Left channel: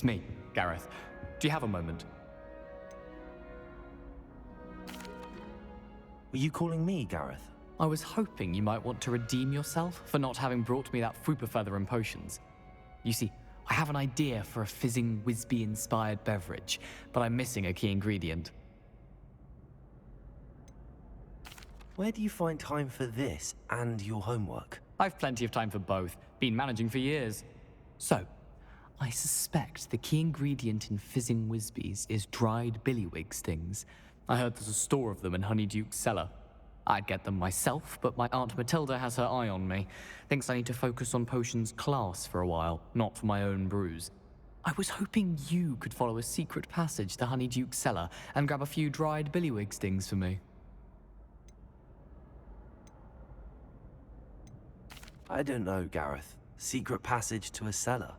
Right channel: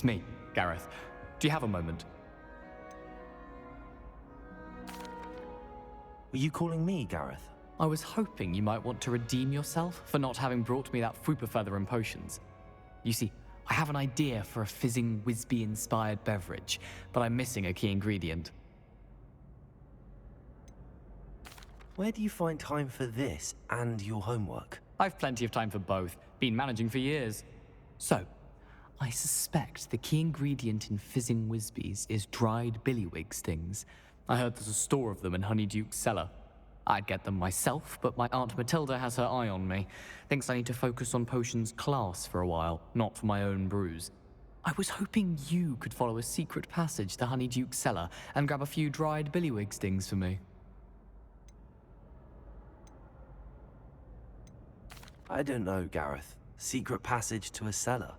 It's me, Gareth. Do you have a moment? Were you calling me, Gareth? I was hoping you might want to redeem yourself for not having brought me that Fooper feather and potions. You see, I have an idea for a fizzing Wisby-inspired beverage, but I'm missing a key ingredient. Where do you find time for this and your homework? I've plenty of time for both. Been managing for years. So, I suspect the key ingredient in fizzing Wisbies is dried billywig stings. I heard there's a store of them in Honeyduke's cellar. I'd get them myself, but my Aunt Matilda has her eye on me. Thinks I need to focus on potions class for a while, not for my own brews. I was hoping you could follow a secret passage to Honeyduke's cellar and grab a few dried billywig stings for me. I don't know, Gareth. Secret passage to a cellar.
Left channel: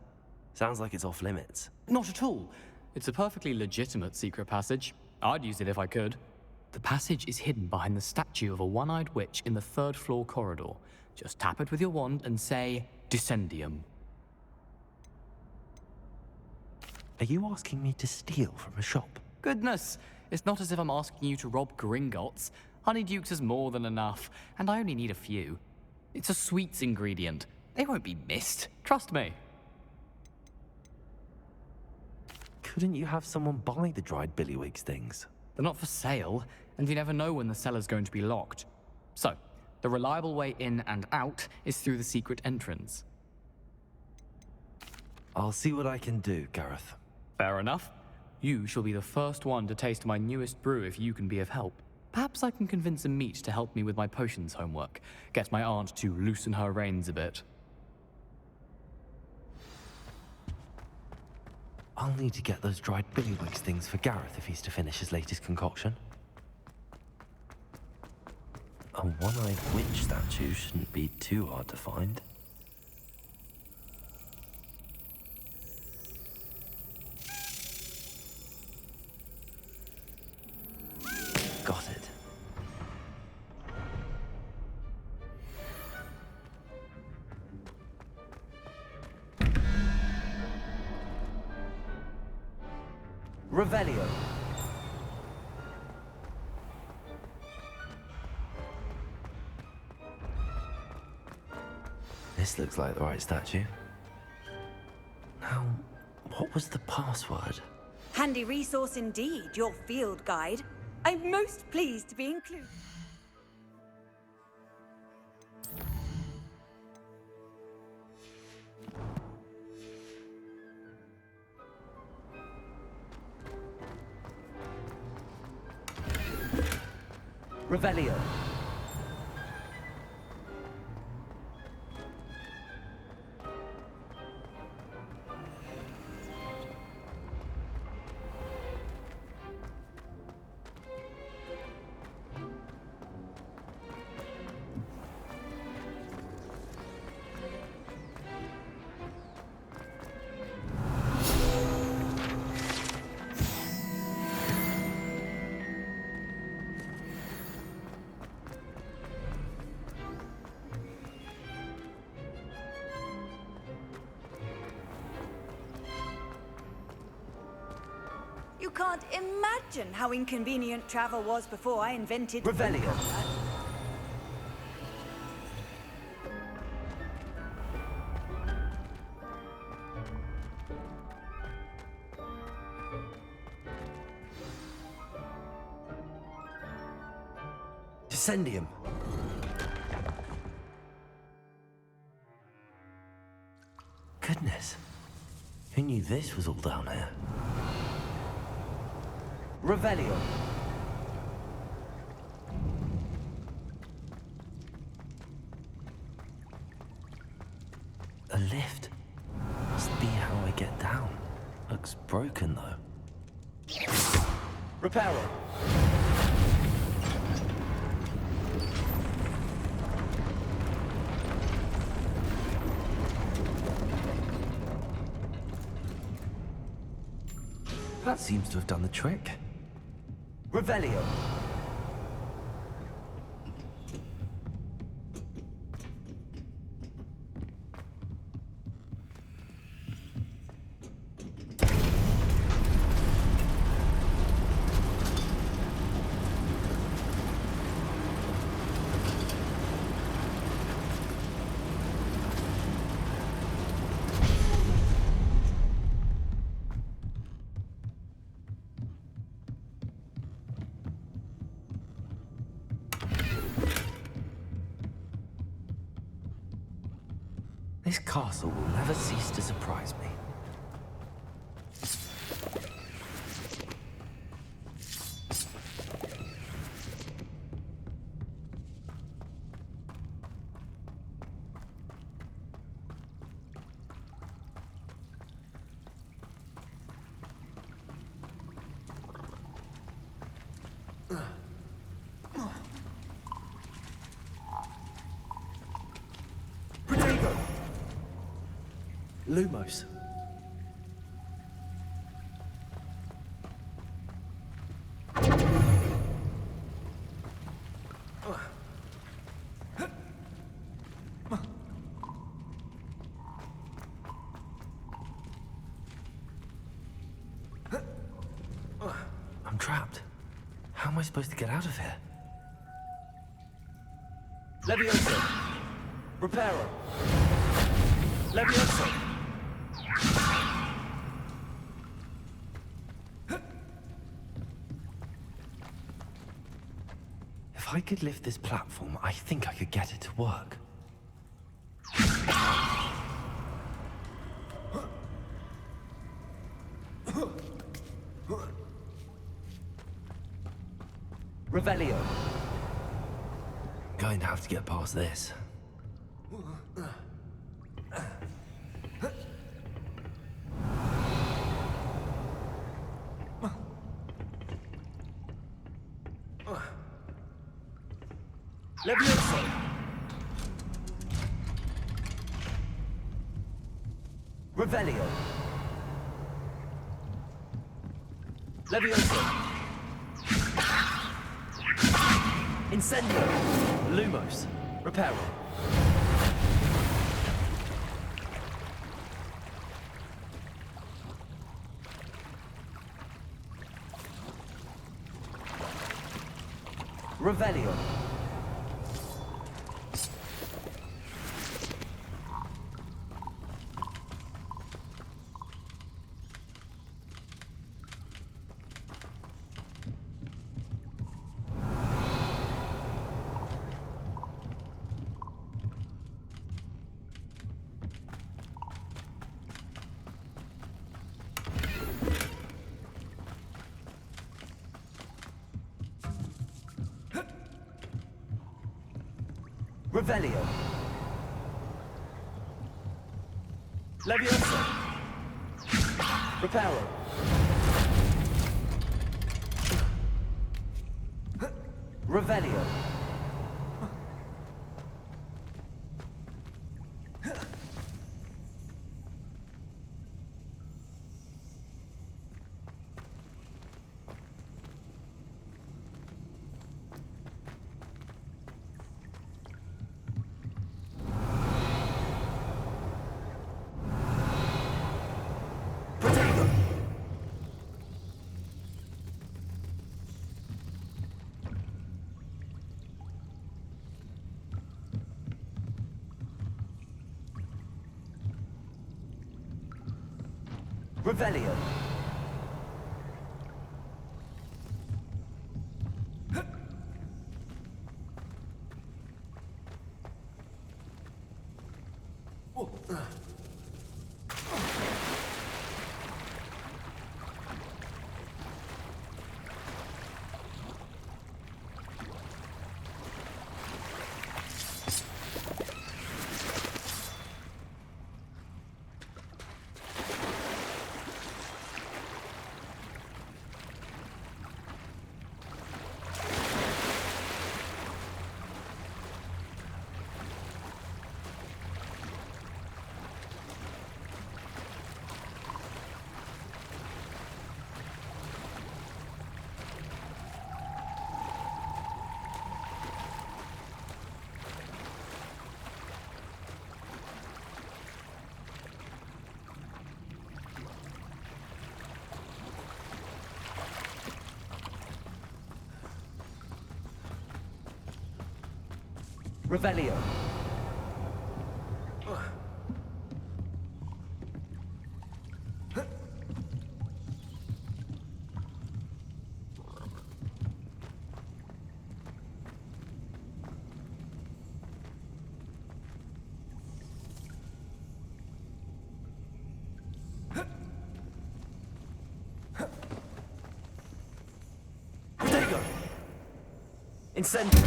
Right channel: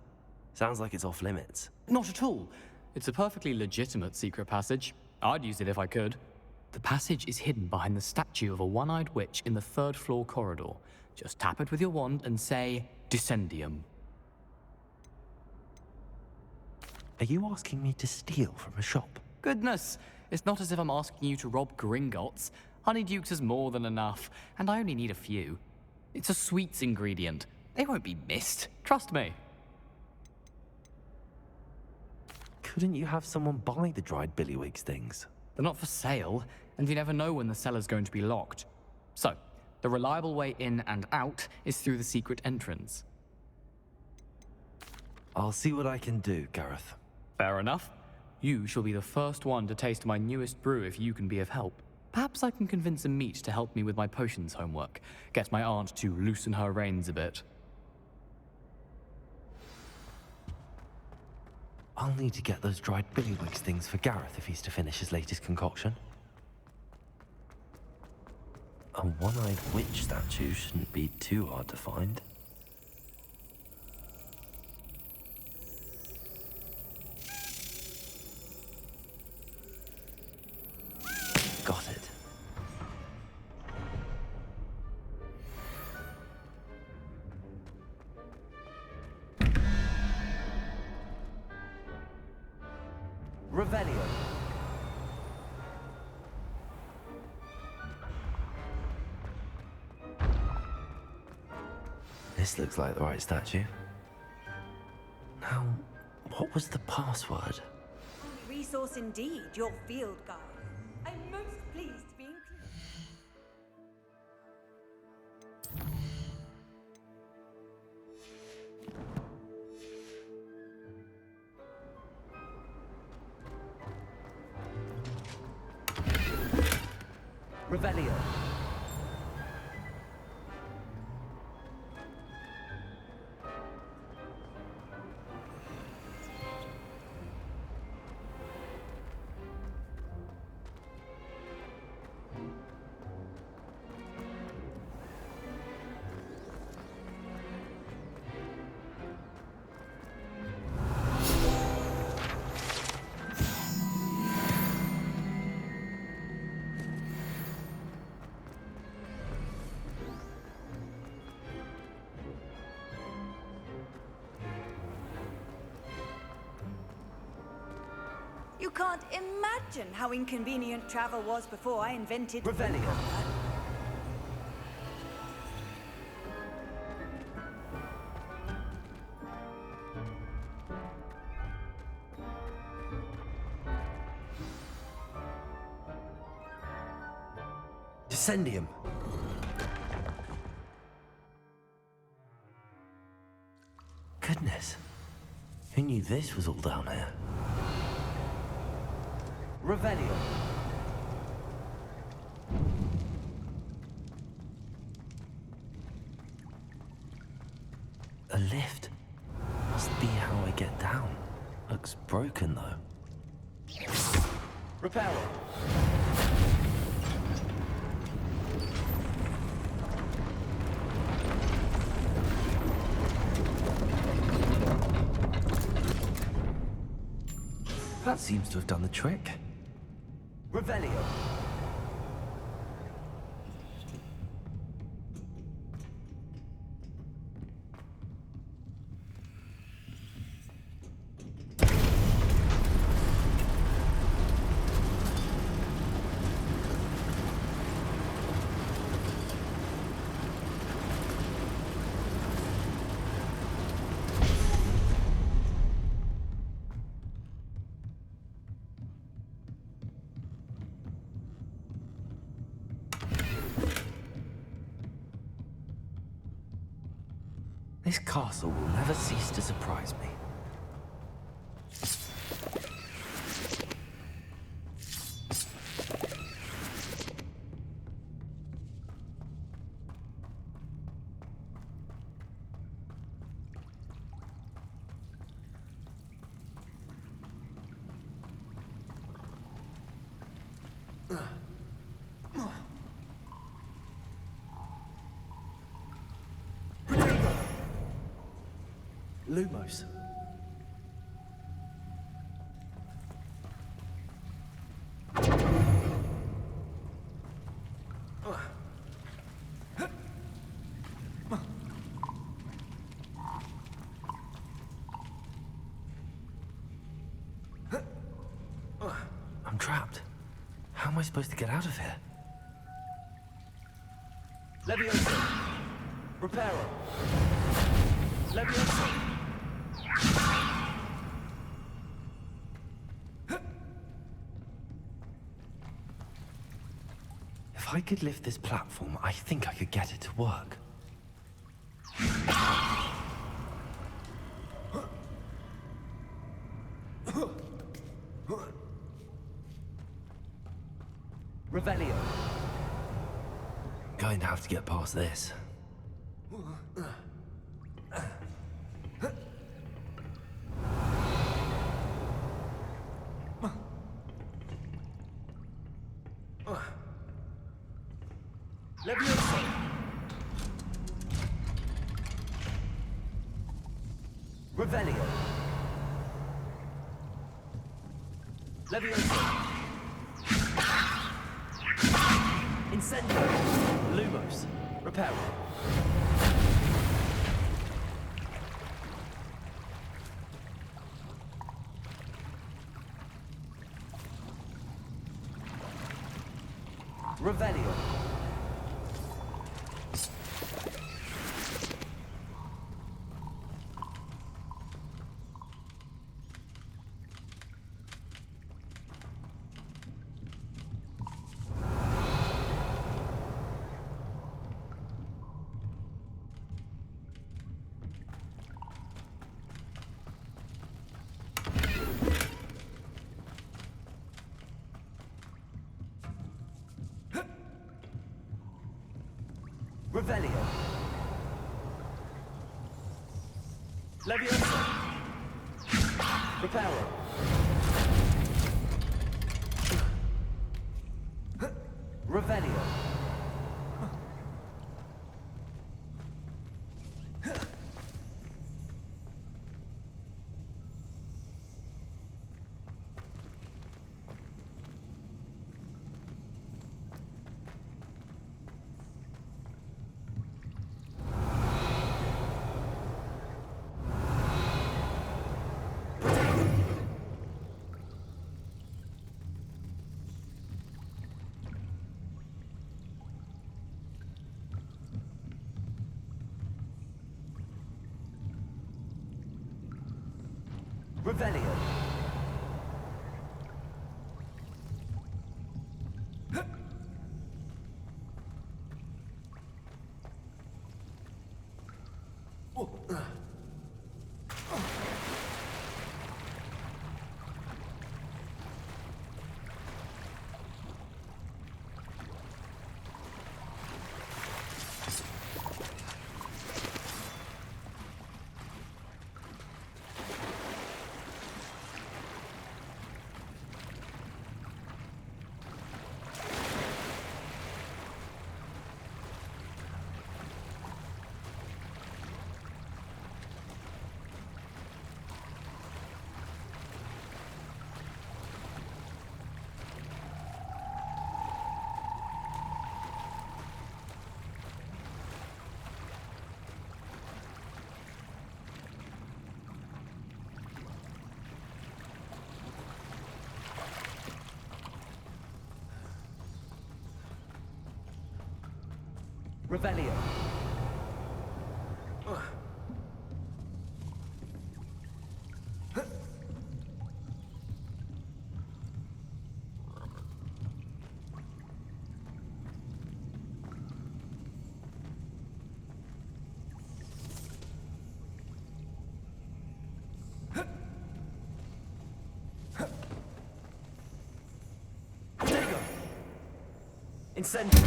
Sounds like it's off limits. Not at all. It's a perfectly legitimate secret passage. I'd use it if I could. The passage is hidden behind the statue of a one-eyed witch in the third-floor corridor. Just tap it with your wand and say, Descendium. Are you asking me to steal from a shop? Goodness, it's not as if I'm asking you to rob Gringotts. Honeyduke's is more than enough, and I only need a few. It's a sweets ingredient. They won't be missed. Trust me. Couldn't you have someone buy the dried billywig stings? They're not for sale, and you never know when the cellar's going to be locked. So, the reliable way in and out is through the secret entrance. I'll see what I can do, Gareth. Fair enough. You shall be the first one to taste my newest brew if you can be of help. Perhaps I can convince a meat to help me with my potions homework. Get my aunt to loosen her reins a bit. I'll need to get those dried billywig stings for Gareth if he's to finish his latest concoction. A one-eyed witch statue shouldn't be too hard to find. Got it. Revelio. This looks like the right statue. Now, what was the password? Handy resource indeed, your field guide. I'm most pleased to be included. Revelio. You can't imagine how inconvenient travel was before I invented Revelio. Descendium. Goodness. Who knew this was all down here? Revelio. A lift. Must be how I get down. Looks broken though. Repair it. That seems to have done the trick. Revelio. castle will never cease to surprise me. Lumos. I'm trapped. How am I supposed to get out of here? Levioso. Reparo. Levioso. If I could lift this platform, I think I could get it to work. Revelio. Going to have to get past this. Levioso. Revelio. Levioso. Incendio. Lumos. Reparo. Revelio. Revelio. Levioso. Reparo. Revelio. Revelio. Revelio. Incendio.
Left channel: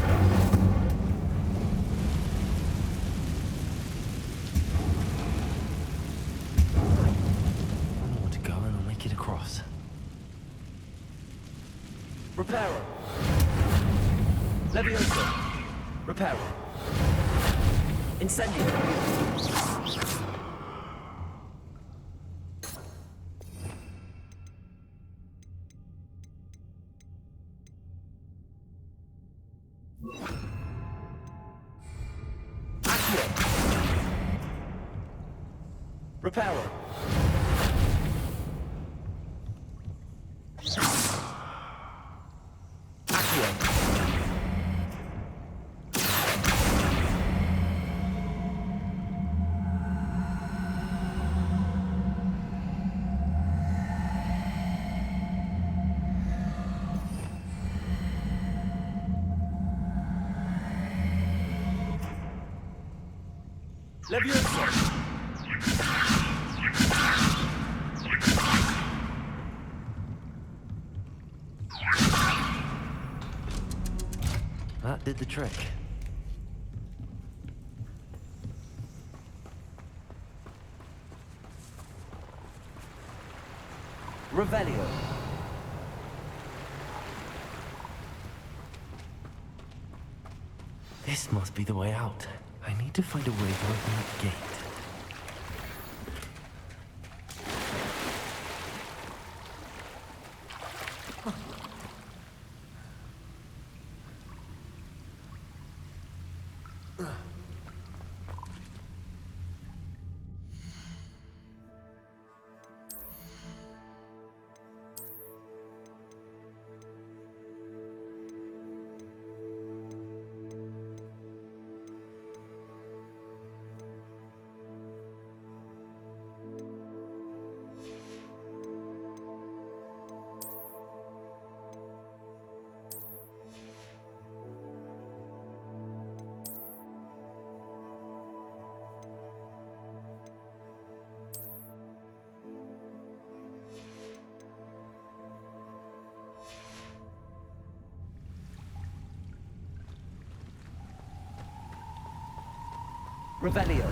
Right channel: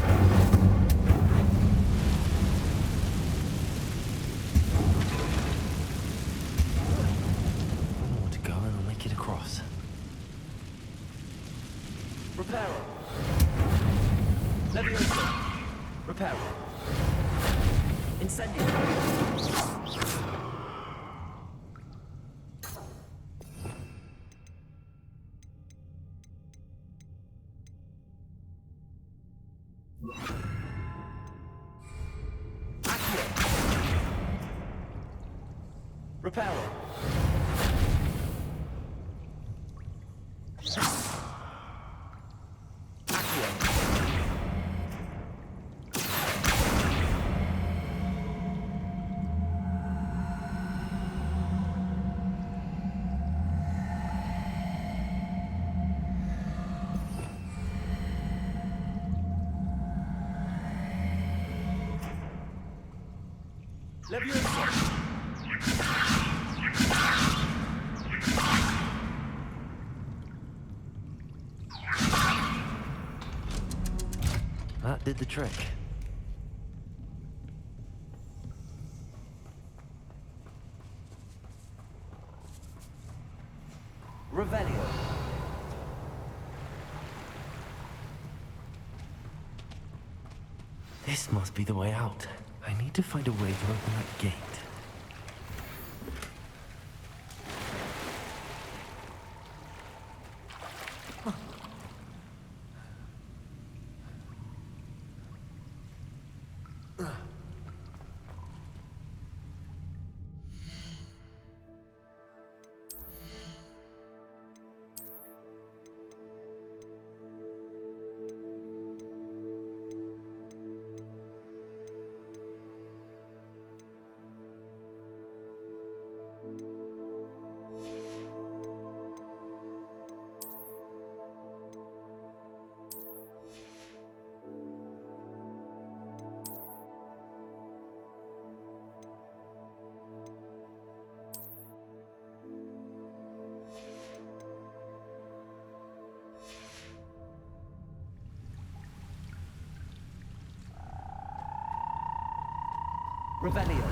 One more to go and I'll make it across. Reparo. Levioso. Reparo. Incendio. Accio. Reparo. Accio. Levioso. That did the trick. Revelio. This must be the way out. I need to find a way to open that gate. Revelio.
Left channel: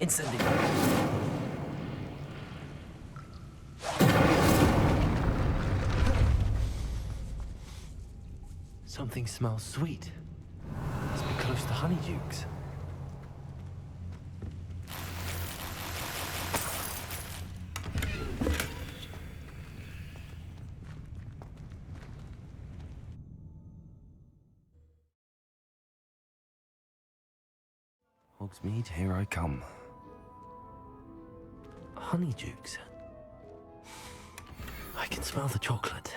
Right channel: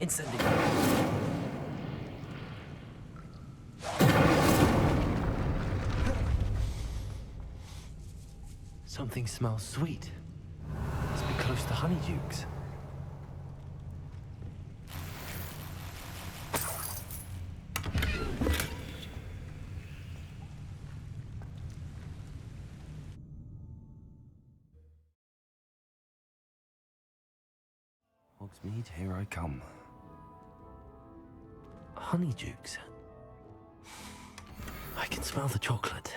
Incendio. Something smells sweet. Must be close to Honeydukes. Hogsmeade, here I come. Honeydukes. I can smell the chocolate.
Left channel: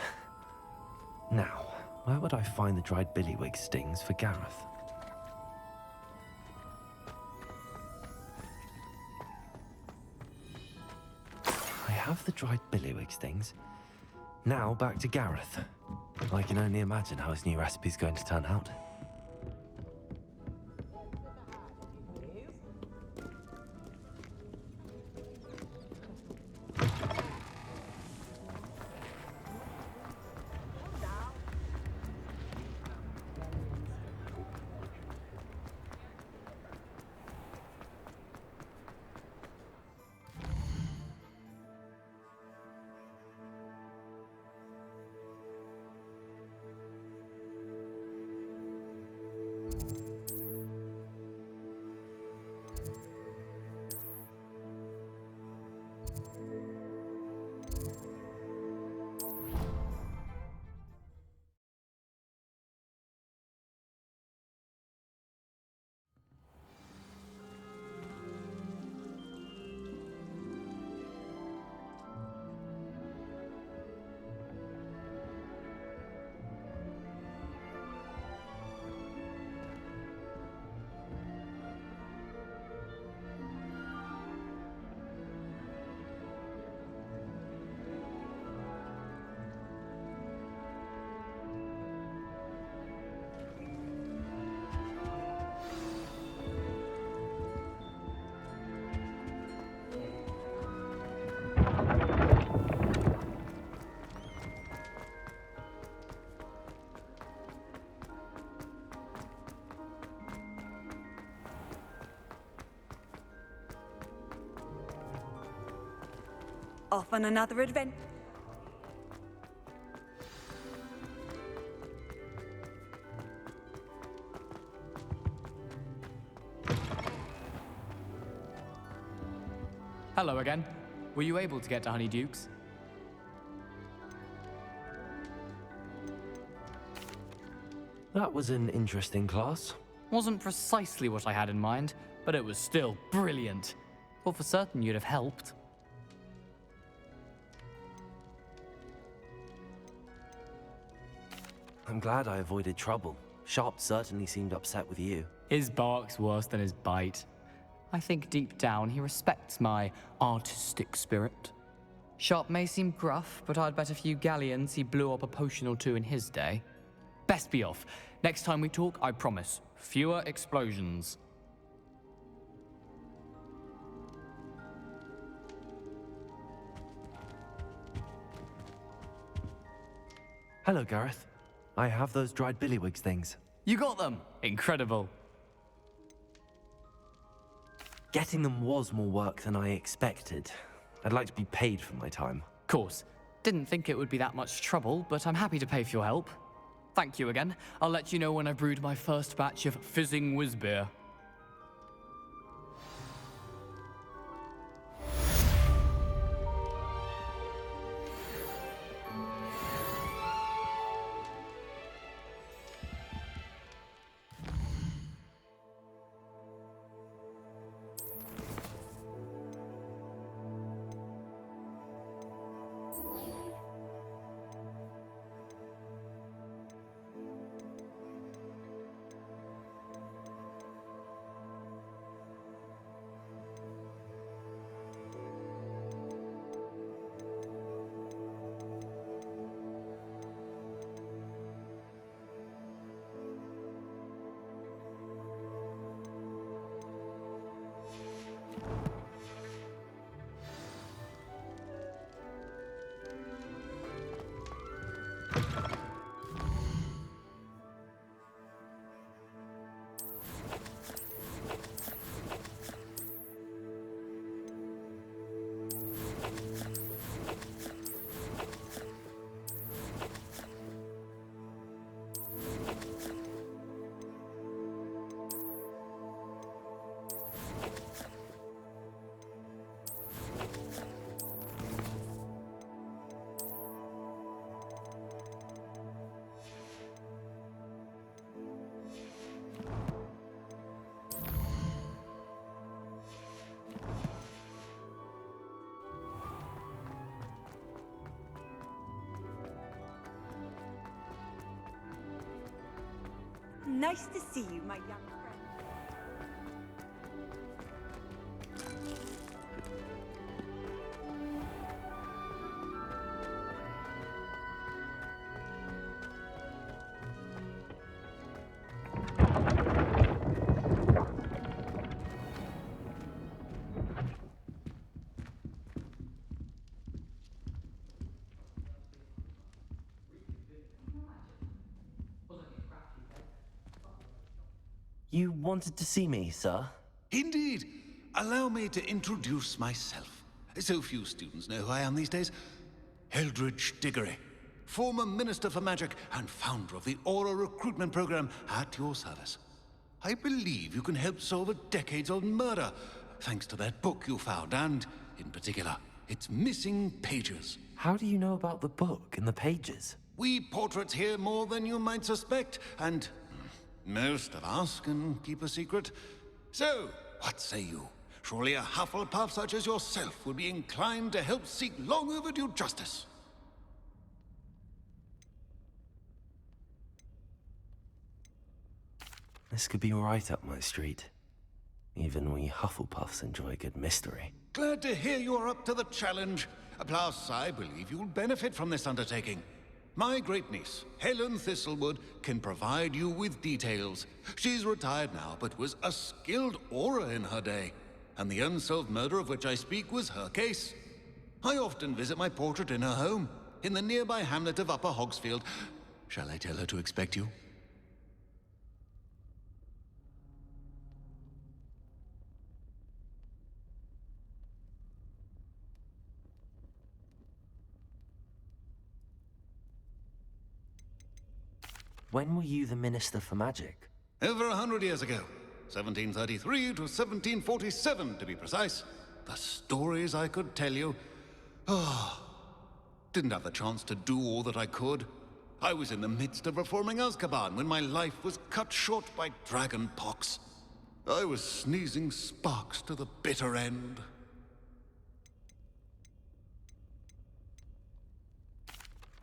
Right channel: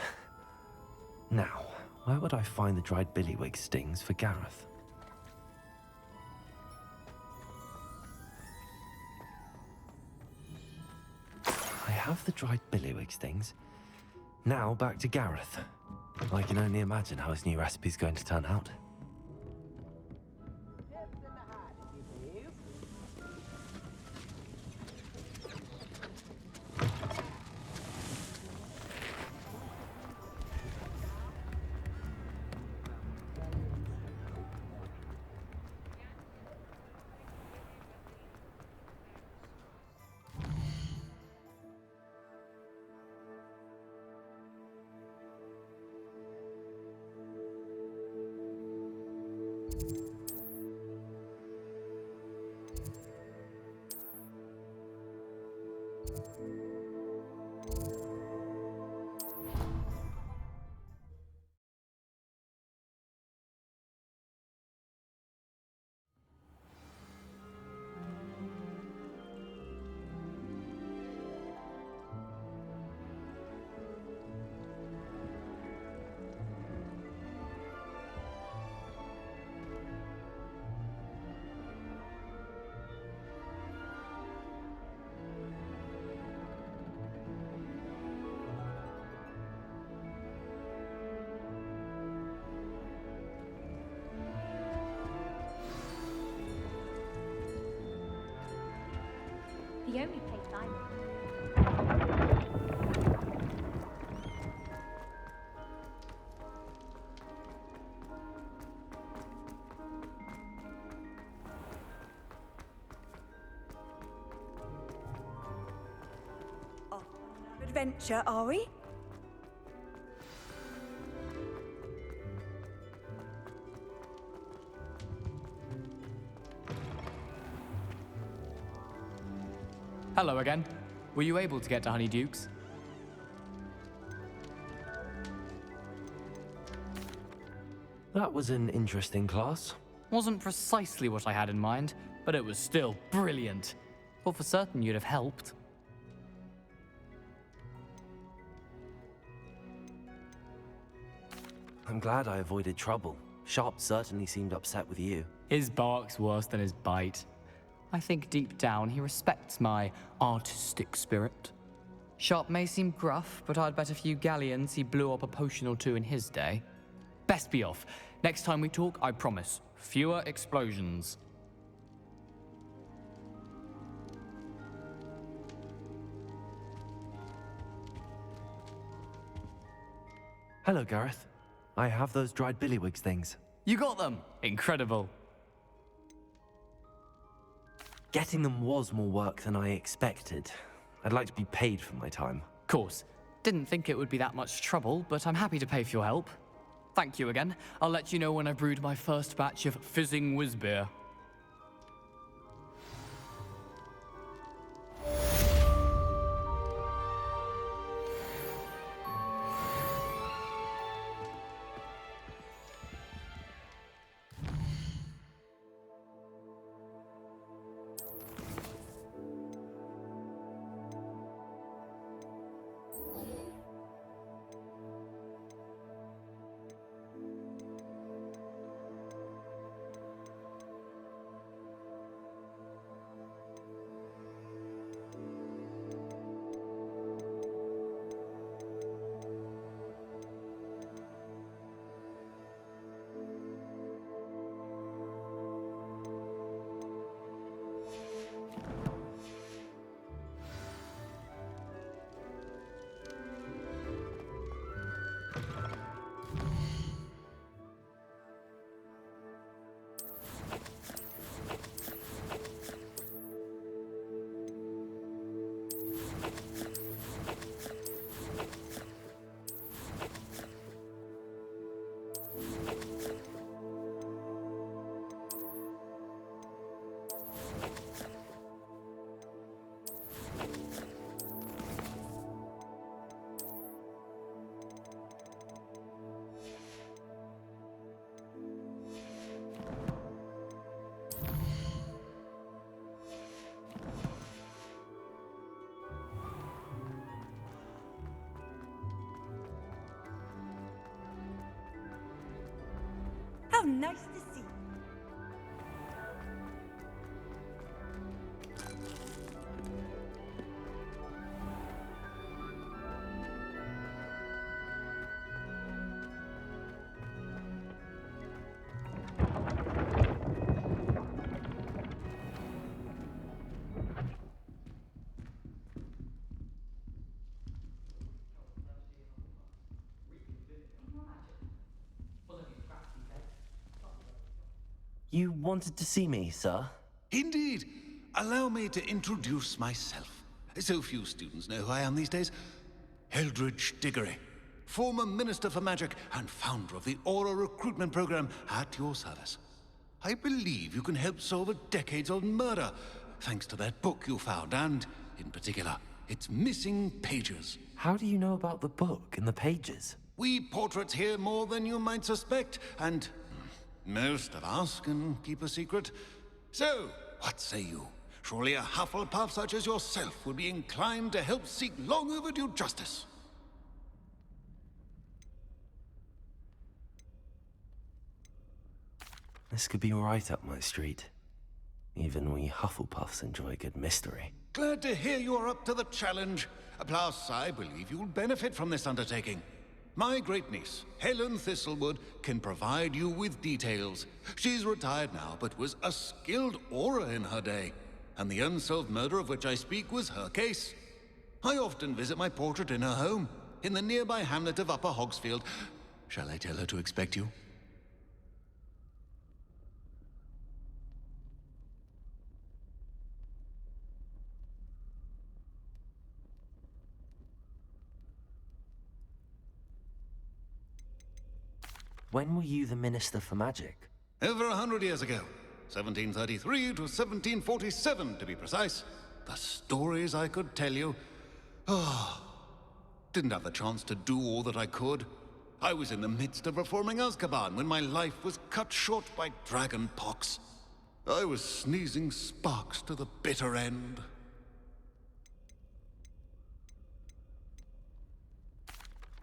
Now, where would I find the dried billywig stings for Gareth? I have the dried billywig stings. Now back to Gareth. I can only imagine how his new recipe's going to turn out. Off on another adventure, are we? Hello again. Were you able to get to Honeydukes? That was an interesting class. Wasn't precisely what I had in mind, but it was still brilliant. Thought for certain you'd have helped. I'm glad I avoided trouble. Sharp certainly seemed upset with you. His bark's worse than his bite. I think deep down he respects my artistic spirit. Sharp may seem gruff, but I'd bet a few galleons he blew up a potion or two in his day. Best be off. Next time we talk, I promise, fewer explosions. Hello, Gareth. I have those dried billywigs things. You got them! Incredible. Getting them was more work than I expected. I'd like to be paid for my time. Course. Didn't think it would be that much trouble, but I'm happy to pay for your help. Thank you again. I'll let you know when I've brewed my first batch of fizzing whizbeer. How nice to see you, my young friend. You wanted to see me, sir? Indeed. Allow me to introduce myself. So few students know who I am these days. Eldridge Diggory, former Minister for Magic and founder of the Aura recruitment program at your service. I believe you can help solve a decades-old murder, thanks to that book you found, and, in particular, its missing pages. How do you know about the book and the pages? We portraits hear more than you might suspect, and most of us can keep a secret. So, what say you? Surely a Hufflepuff such as yourself would be inclined to help seek long overdue justice. This could be right up my street. Even we Hufflepuffs enjoy a good mystery. Glad to hear you are up to the challenge. Plus, I believe you'll benefit from this undertaking. My great-niece, Helen Thistlewood, can provide you with details. She's retired now, but was a skilled aura in her day. And the unsolved murder of which I speak was her case. I often visit my portrait in her home, in the nearby hamlet of Upper Hogsfield. Shall I tell her to expect you? When were you the Minister for Magic? Over 100 years ago. 1733 to 1747, to be precise. The stories I could tell you. Oh, didn't have the chance to do all that I could. I was in the midst of reforming Azkaban when my life was cut short by dragon pox. I was sneezing sparks to the bitter end.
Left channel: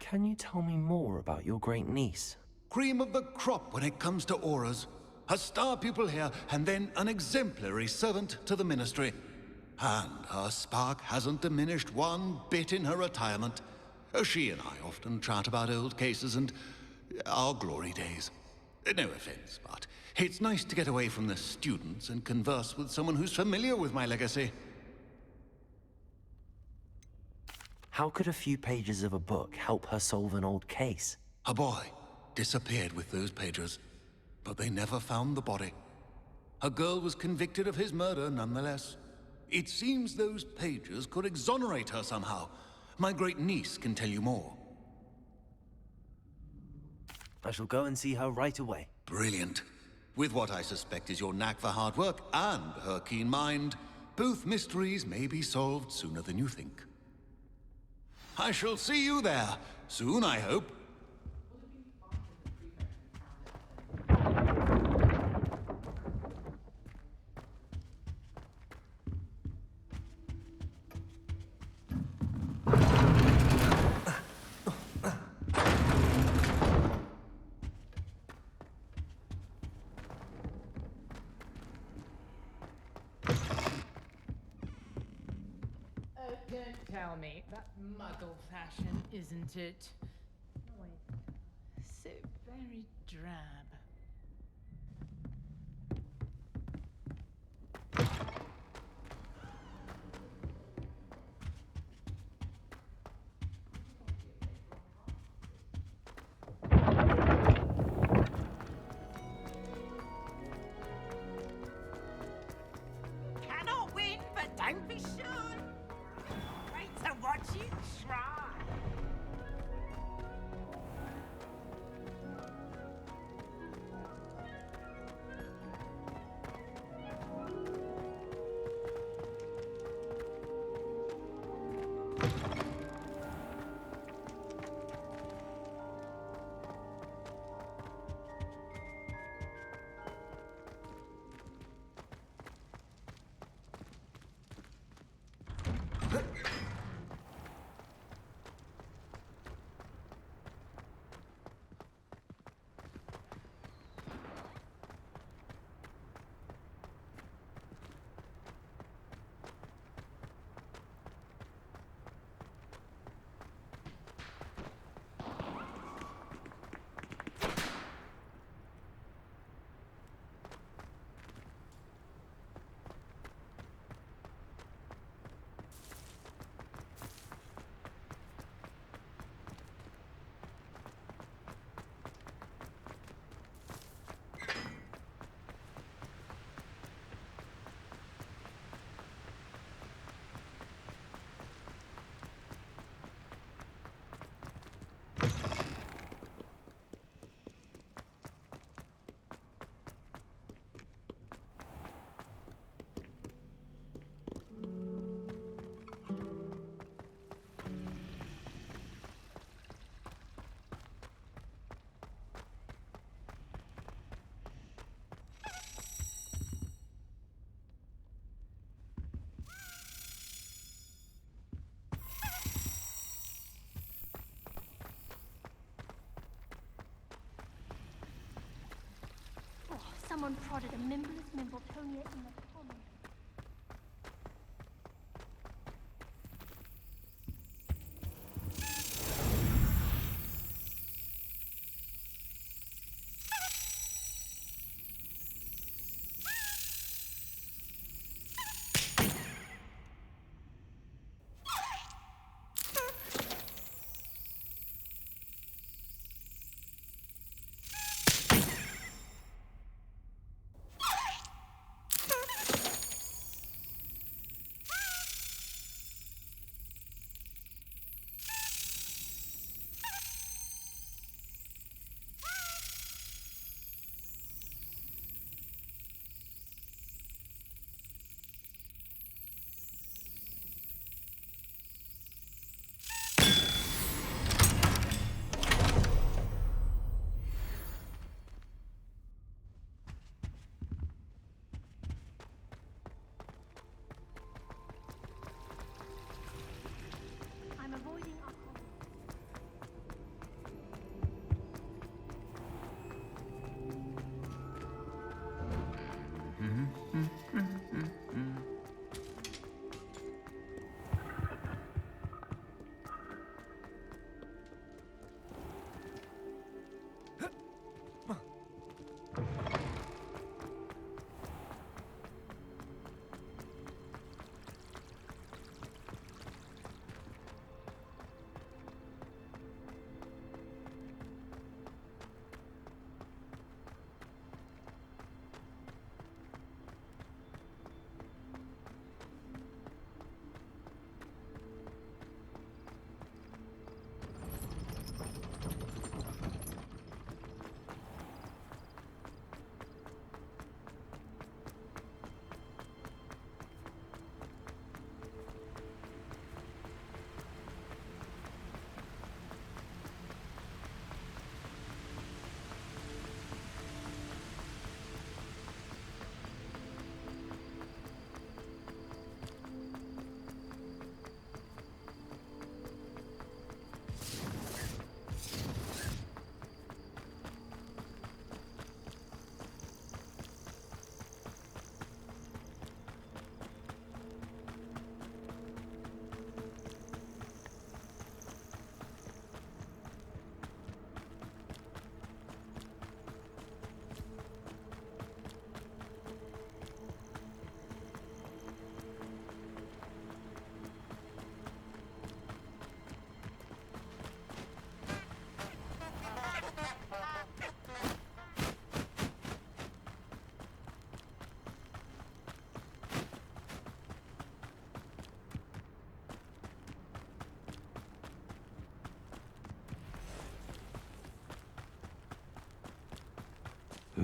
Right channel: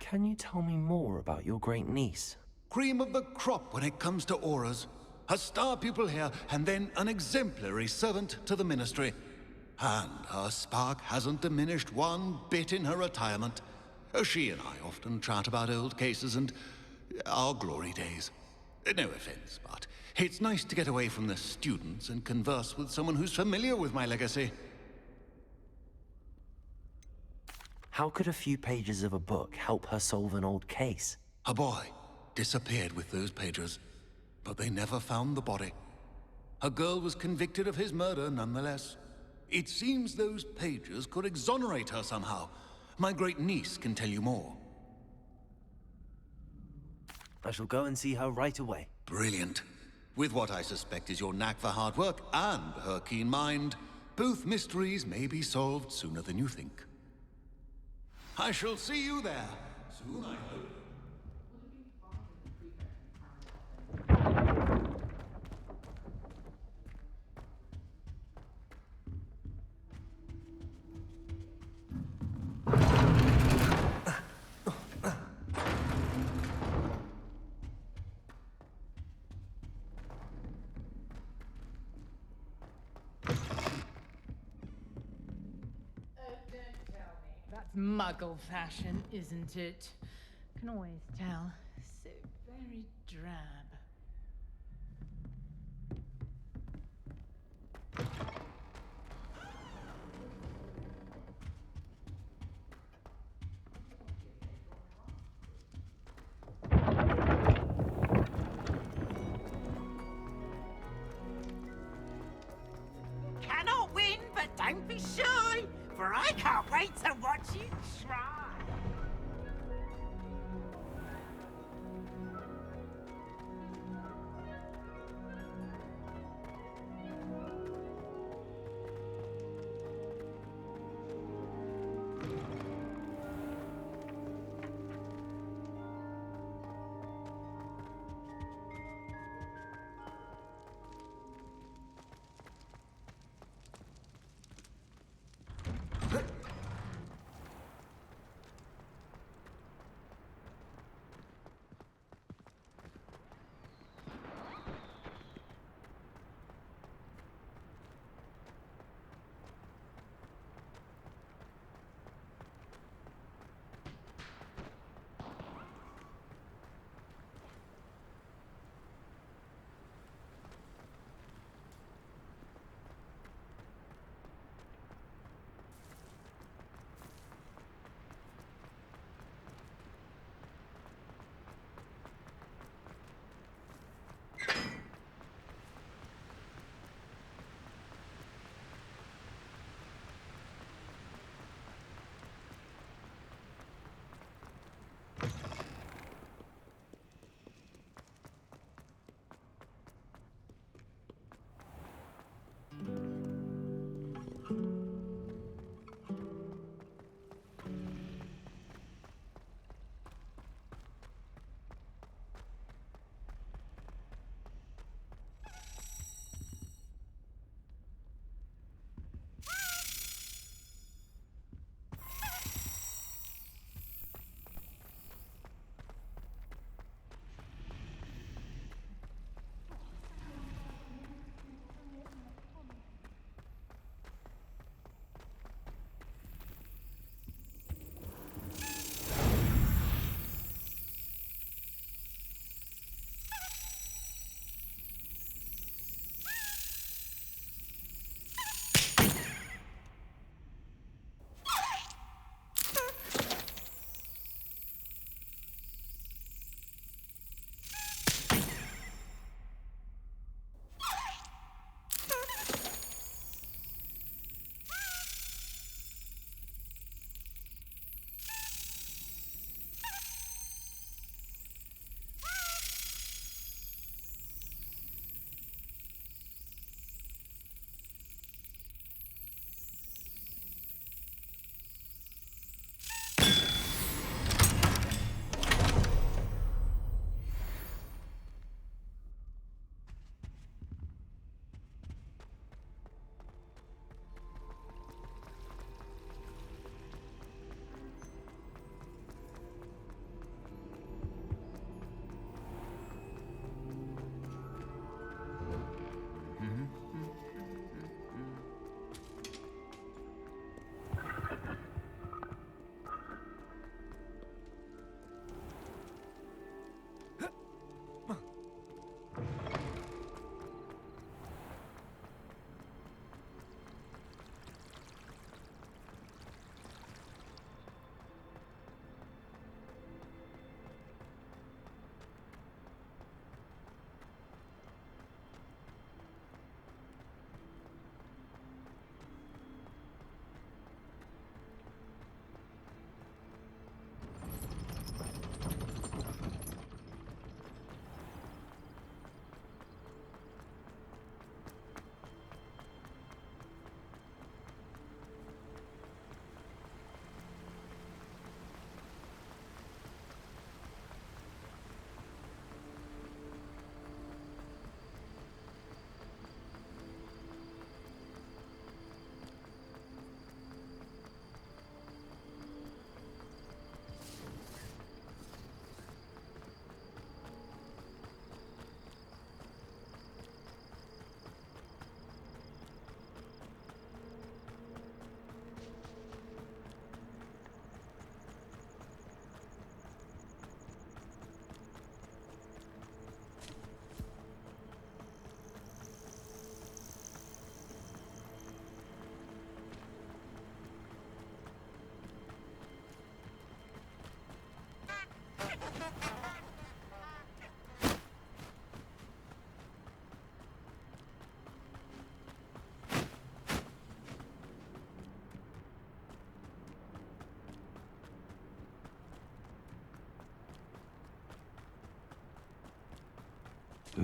Can you tell me more about your great niece? Cream of the crop when it comes to auras. A star pupil here, and then an exemplary servant to the ministry. And her spark hasn't diminished one bit in her retirement. She and I often chat about old cases and our glory days. No offense, but it's nice to get away from the students and converse with someone who's familiar with my legacy. How could a few pages of a book help her solve an old case? A boy disappeared with those pages, but they never found the body. A girl was convicted of his murder nonetheless. It seems those pages could exonerate her somehow. My great niece can tell you more. I shall go and see her right away. Brilliant. With what I suspect is your knack for hard work and her keen mind, both mysteries may be solved sooner than you think. I shall see you there, soon I hope. Don't tell me. That's muggle fashion, isn't it? Can always tell. So very drab. Cannot win, but don't be shy, for I can't wait to watch you try. Someone prodded a Mimbless Mimbletonia in the pond.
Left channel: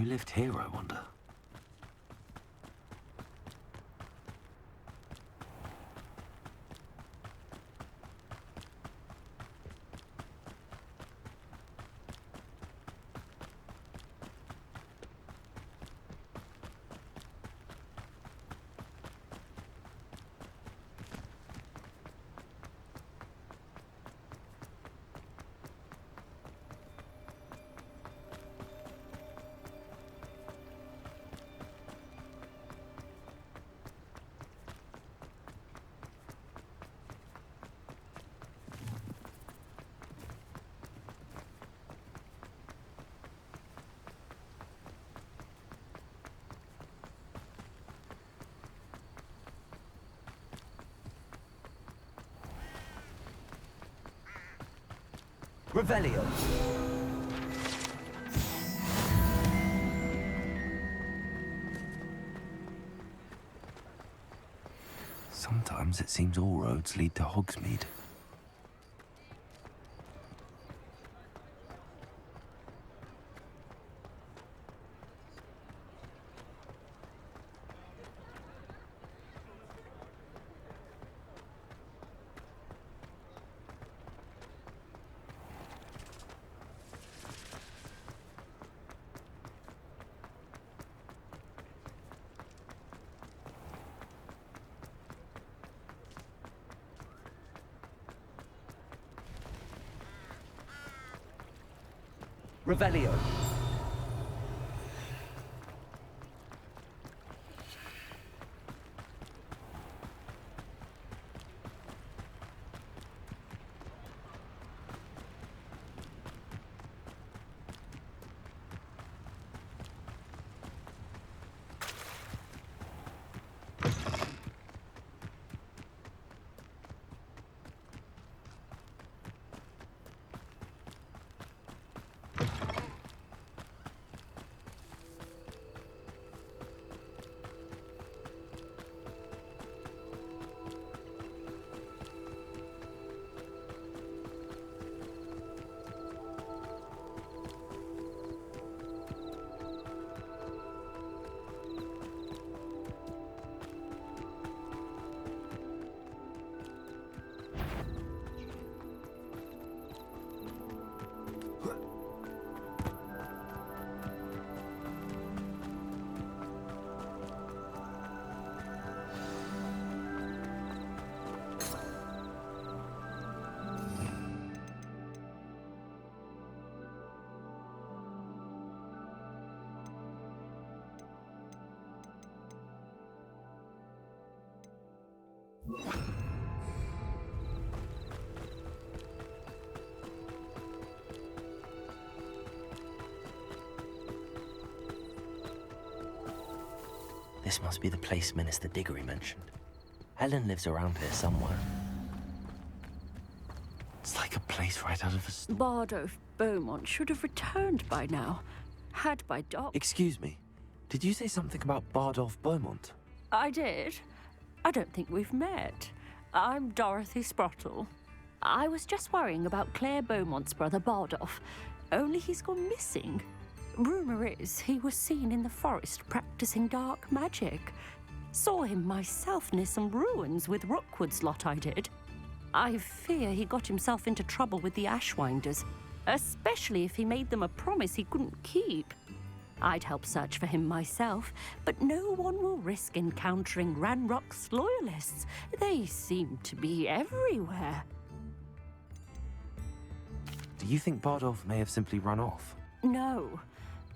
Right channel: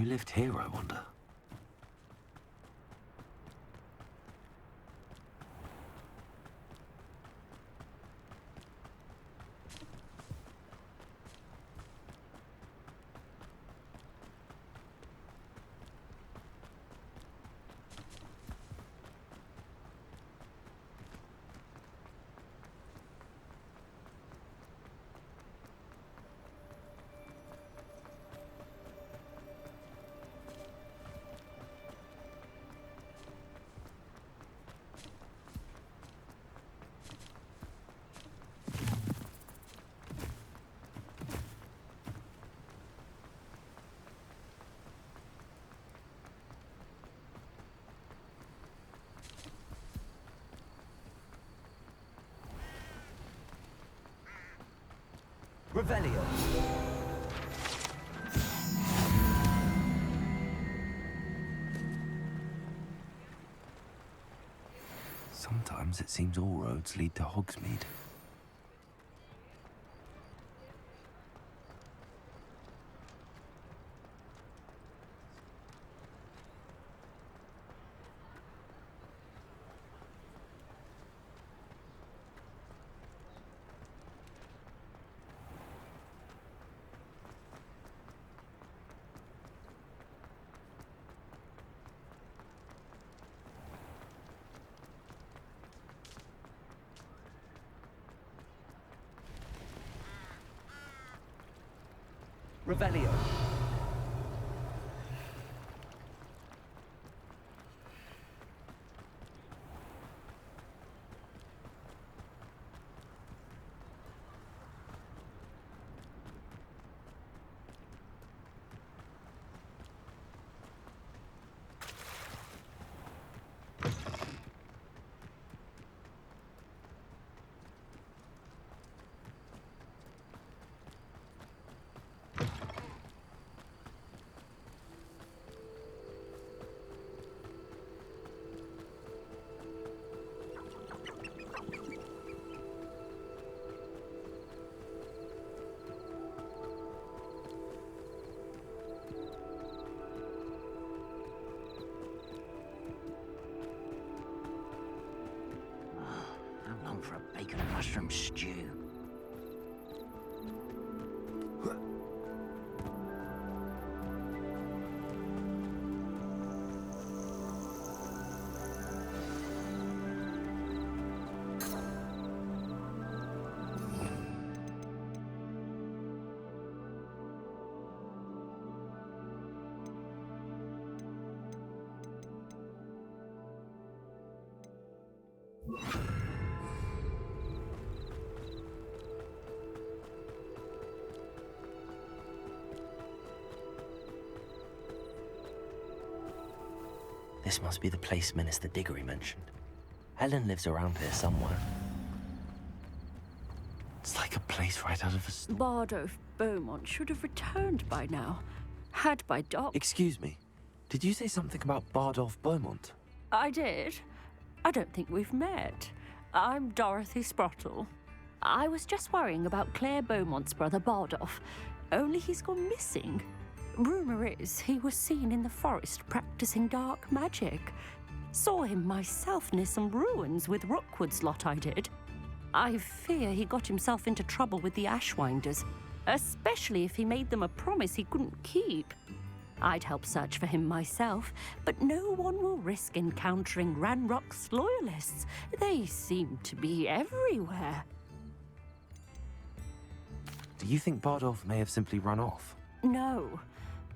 Who lived here, I wonder? Revelio. Sometimes it seems all roads lead to Hogsmeade. Revelio. I'm on for a bacon mushroom stew. This must be the place Minister Diggory mentioned. Helen lives around here somewhere. It's like a place right out of a story. Bardolph Beaumont should have returned by now. Had by Doc. Excuse me, did you say something about Bardolph Beaumont? I did. I don't think we've met. I'm Dorothy Sprottle. I was just worrying about Claire Beaumont's brother Bardolph. Only he's gone missing. Rumour is he was seen in the forest practicing dark magic. Saw him myself near some ruins with Rookwood's lot I did. I fear he got himself into trouble with the Ashwinders, especially if he made them a promise he couldn't keep. I'd help search for him myself, but no one will risk encountering Ranrock's loyalists. They seem to be everywhere. Do you think Bardolph may have simply run off? No.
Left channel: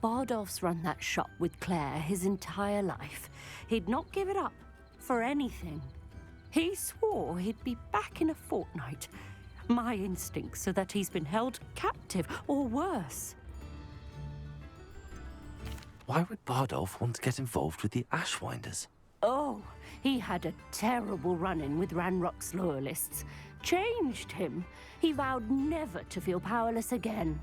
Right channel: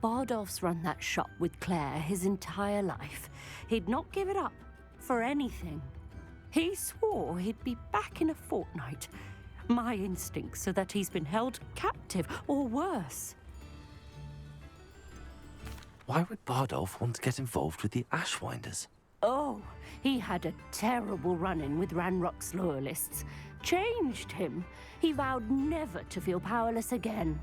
Bardolph's run that shop with Claire his entire life. He'd not give it up for anything. He swore he'd be back in a fortnight. My instincts are that he's been held captive, or worse. Why would Bardolph want to get involved with the Ashwinders? Oh, he had a terrible run-in with Ranrock's loyalists. Changed him. He vowed never to feel powerless again.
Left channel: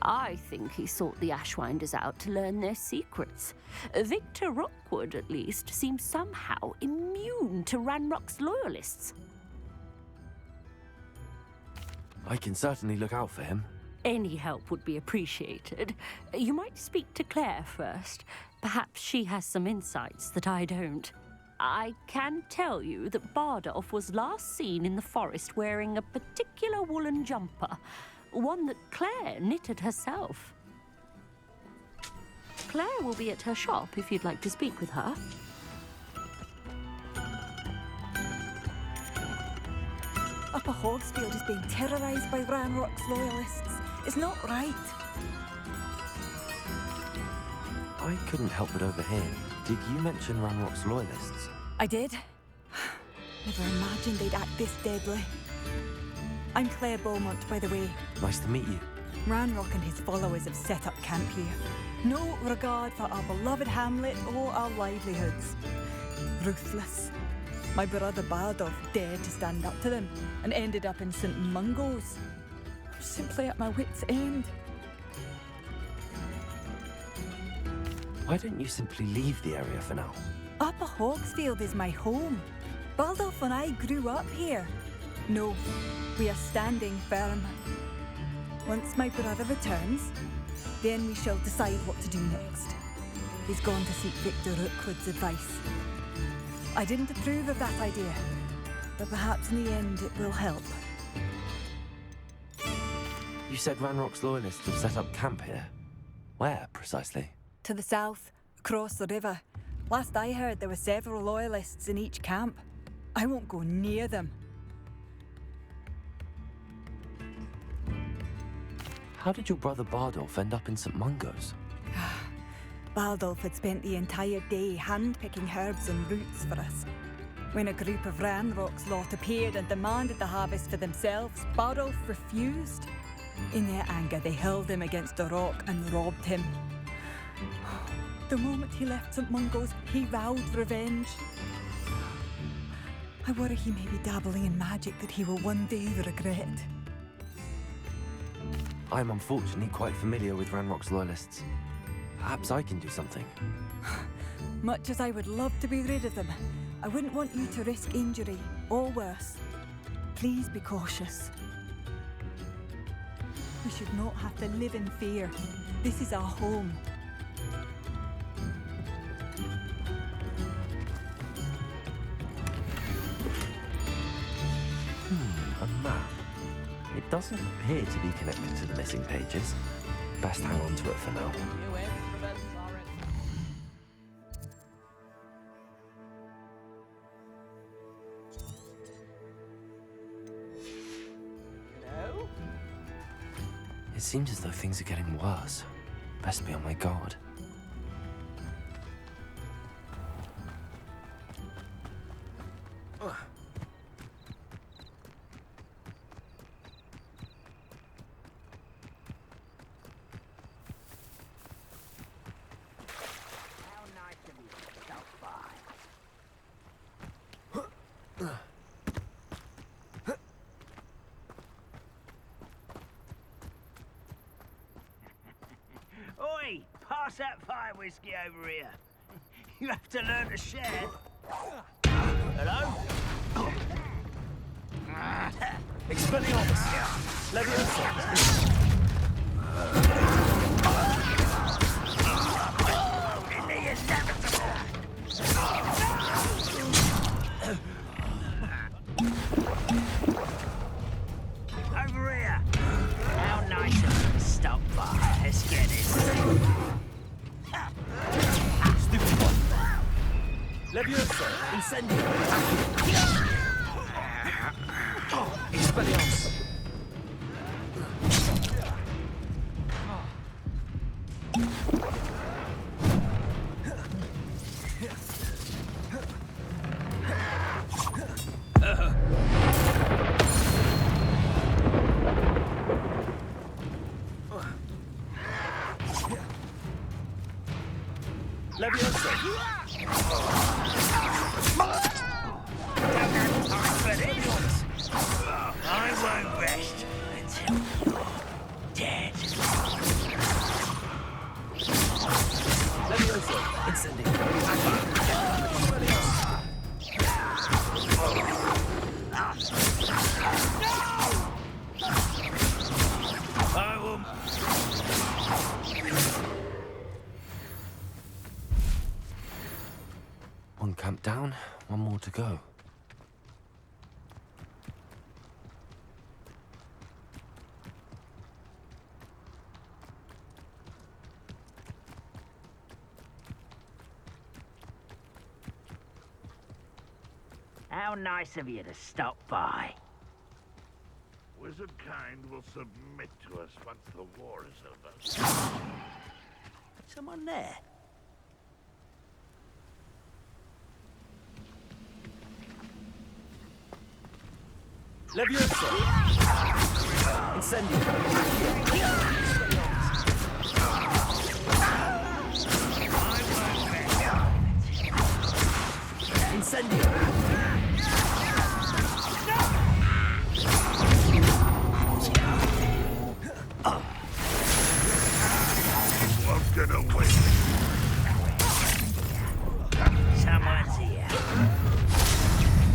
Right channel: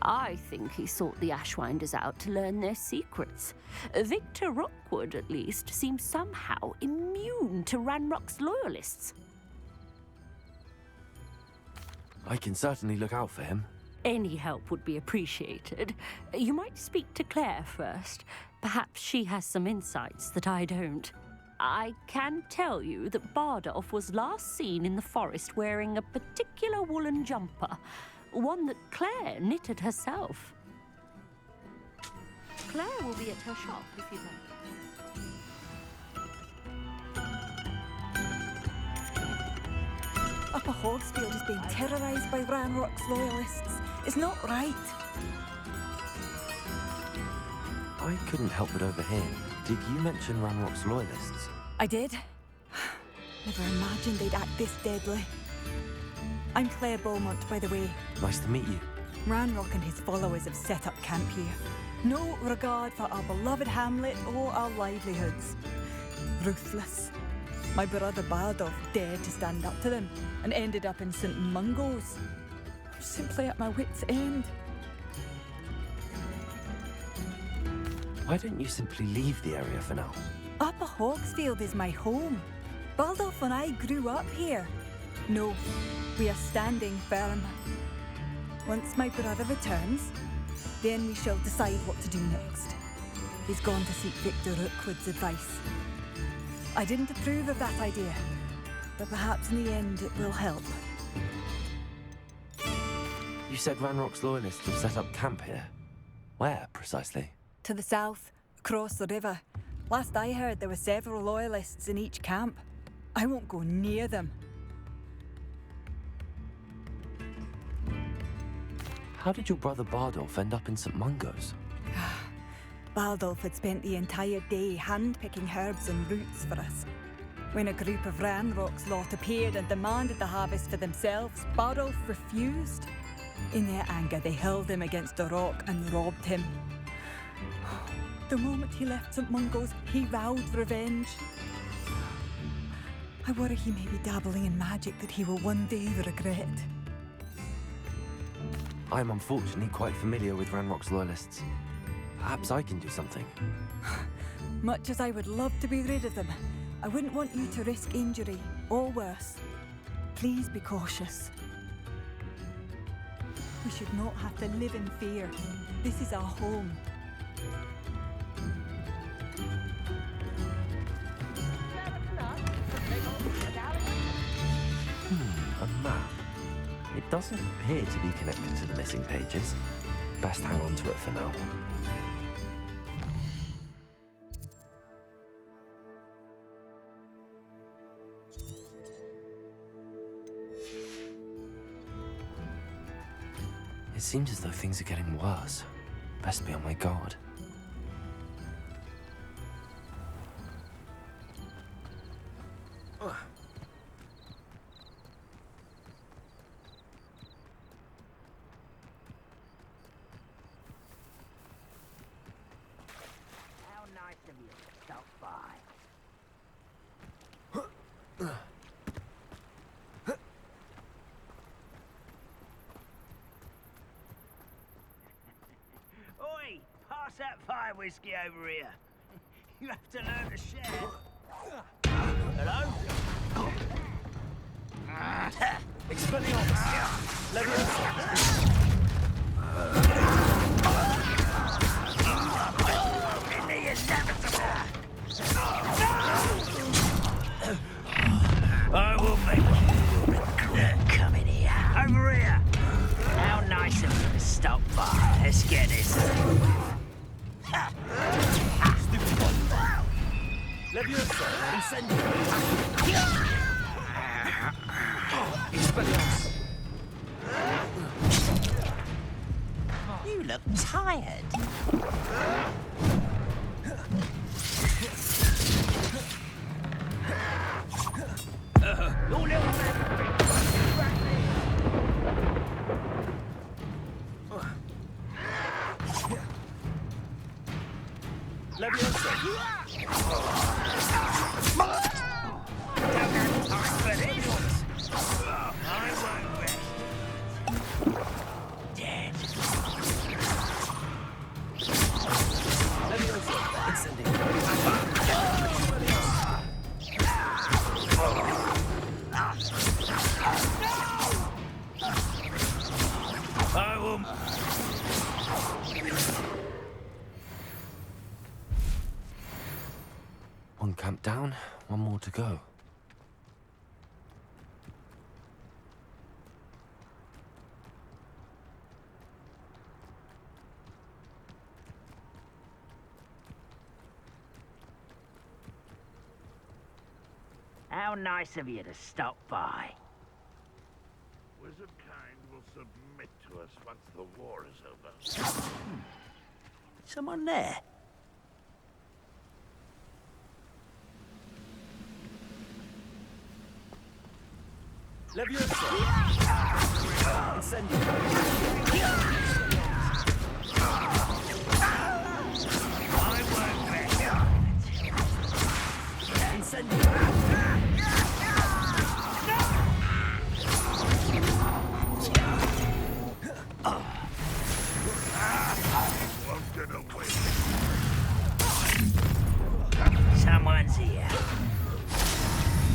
I think he sought the Ashwinders out to learn their secrets. Victor Rookwood, at least, seems somehow immune to Ranrock's loyalists. I can certainly look out for him. Any help would be appreciated. You might speak to Claire first. Perhaps she has some insights that I don't. I can tell you that Bardolph was last seen in the forest wearing a particular woolen jumper, one that Claire knitted herself. Claire will be at her shop if you'd like to speak with her. Upper Hogsfield is being terrorised by Ranrock's loyalists. It's not right. I couldn't help but overhear. Did you mention Ranrock's loyalists? I did. Never imagined they'd act this deadly. I'm Claire Beaumont, by the way. Nice to meet you. Ranrock and his followers have set up camp here. No regard for our beloved hamlet or our livelihoods. Ruthless. My brother Bardolph dared to stand up to them and ended up in St. Mungo's. I'm simply at my wit's end. Why don't you simply leave the area for now? Upper Hogsfield is my home. Bardolph and I grew up here. No, we are standing firm. Once my brother returns, then we shall decide what to do next. He's gone to seek Victor Rookwood's advice. I didn't approve of that idea, but perhaps in the end it will help. You said Ranrock's loyalists have set up camp here. Where, precisely? To the south, across the river. Last I heard, there were several loyalists in each camp. I won't go near them. How did your brother Bardolph end up in St. Mungo's? Bardolph had spent the entire day hand-picking herbs and roots for us. When a group of Ranrock's lot appeared and demanded the harvest for themselves, Bardolph refused. In their anger, they hurled him against a rock and robbed him. The moment he left St. Mungo's, he vowed revenge. I worry he may be dabbling in magic that he will one day regret. I'm unfortunately quite familiar with Ranrock's loyalists. Perhaps I can do something. Much as I would love to be rid of them, I wouldn't want you to risk injury, or worse. Please be cautious. We should not have to live in fear. This is our home. A map. It doesn't appear to be connected to the missing pages. Best hang on to it for now. It seems as though things are getting worse. Best be on my guard. How nice of you to stop by. Oi! Pass that fire whiskey over here. You have to learn to share. Hello? Expelliarmus! Leviosa! I will make... Come in here. Over here. How nice of you to stop by. Let's get this. Stupid one! Leviosa! Incendio! Expelliarmus! You look tired. Leviosa! Don't have time for this. I won't rest until you're dead. Leviosa! Incendio! I will One camp down, one more to go. How nice of you to stop by. Wizardkind will submit to us once the war is over. Someone there? Leviosa! Incendio! Incendio! Won't get away. Someone's here.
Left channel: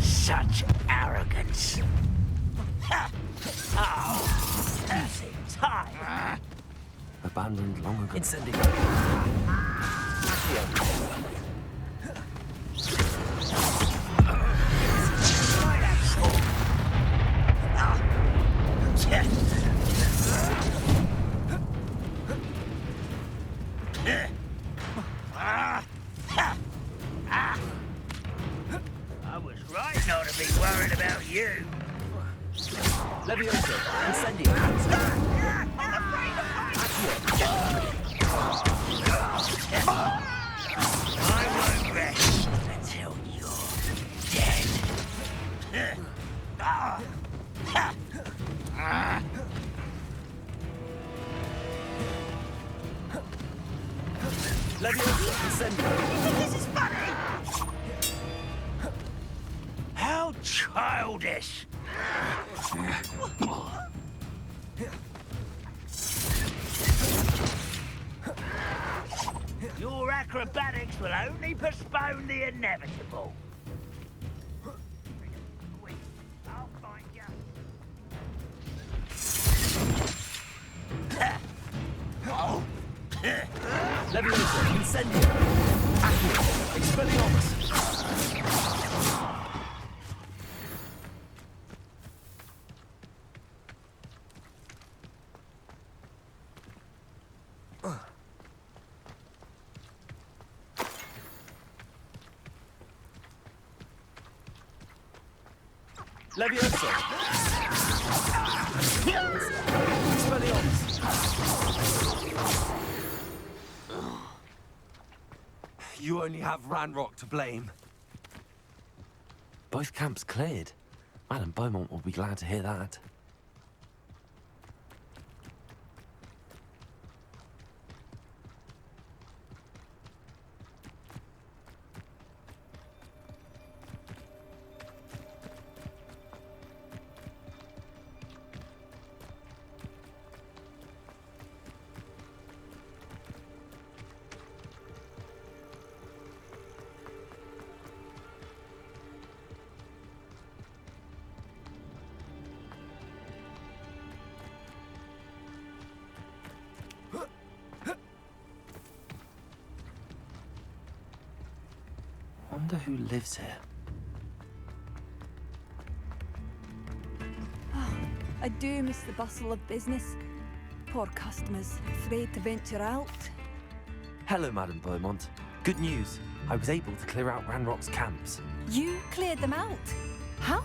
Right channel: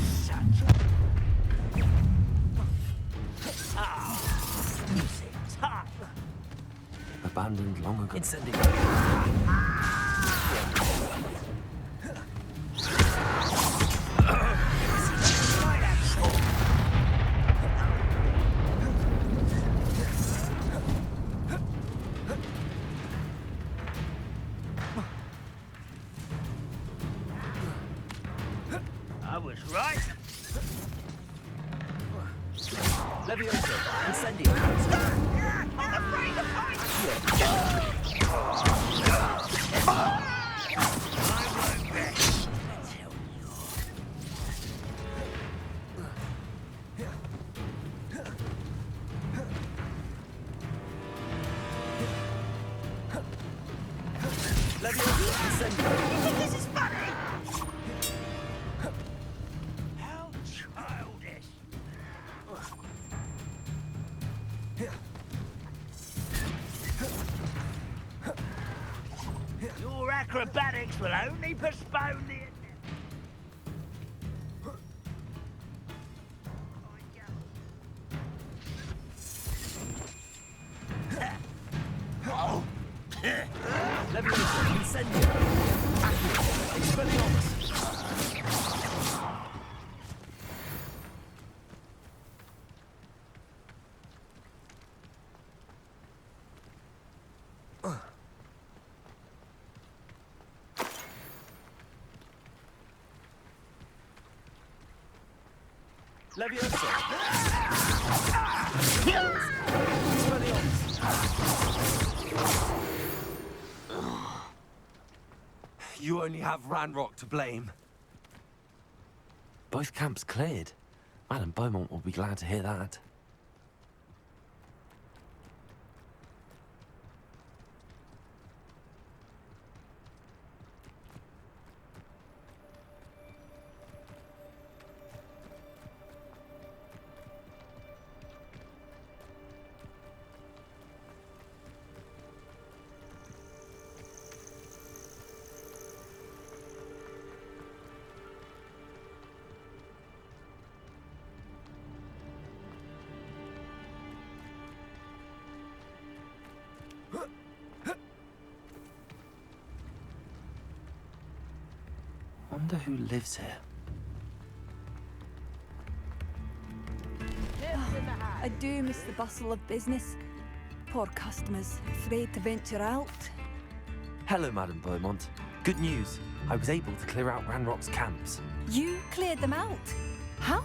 Such arrogance. Oh, losing time. Abandoned long ago. Incendio! I was right not to be worried about you. Leviosa! Incendio! I'm afraid of I won't rest until you're dead. Leviosa! Incendio! This is funny! How childish! Your acrobatics will only postpone the inevitable. I'll find you. Leviosa! Incendio! Accio! Expelliarmus! Leviosa! Expelliarmus! You only have Ranrock to blame. Both camps cleared. Madame Beaumont will be glad to hear that. Wonder who lives here. I do miss the bustle of business. Poor customers, afraid to venture out. Hello, Madame Beaumont. Good news. I was able to clear out Ranrock's camps. You cleared them out? How?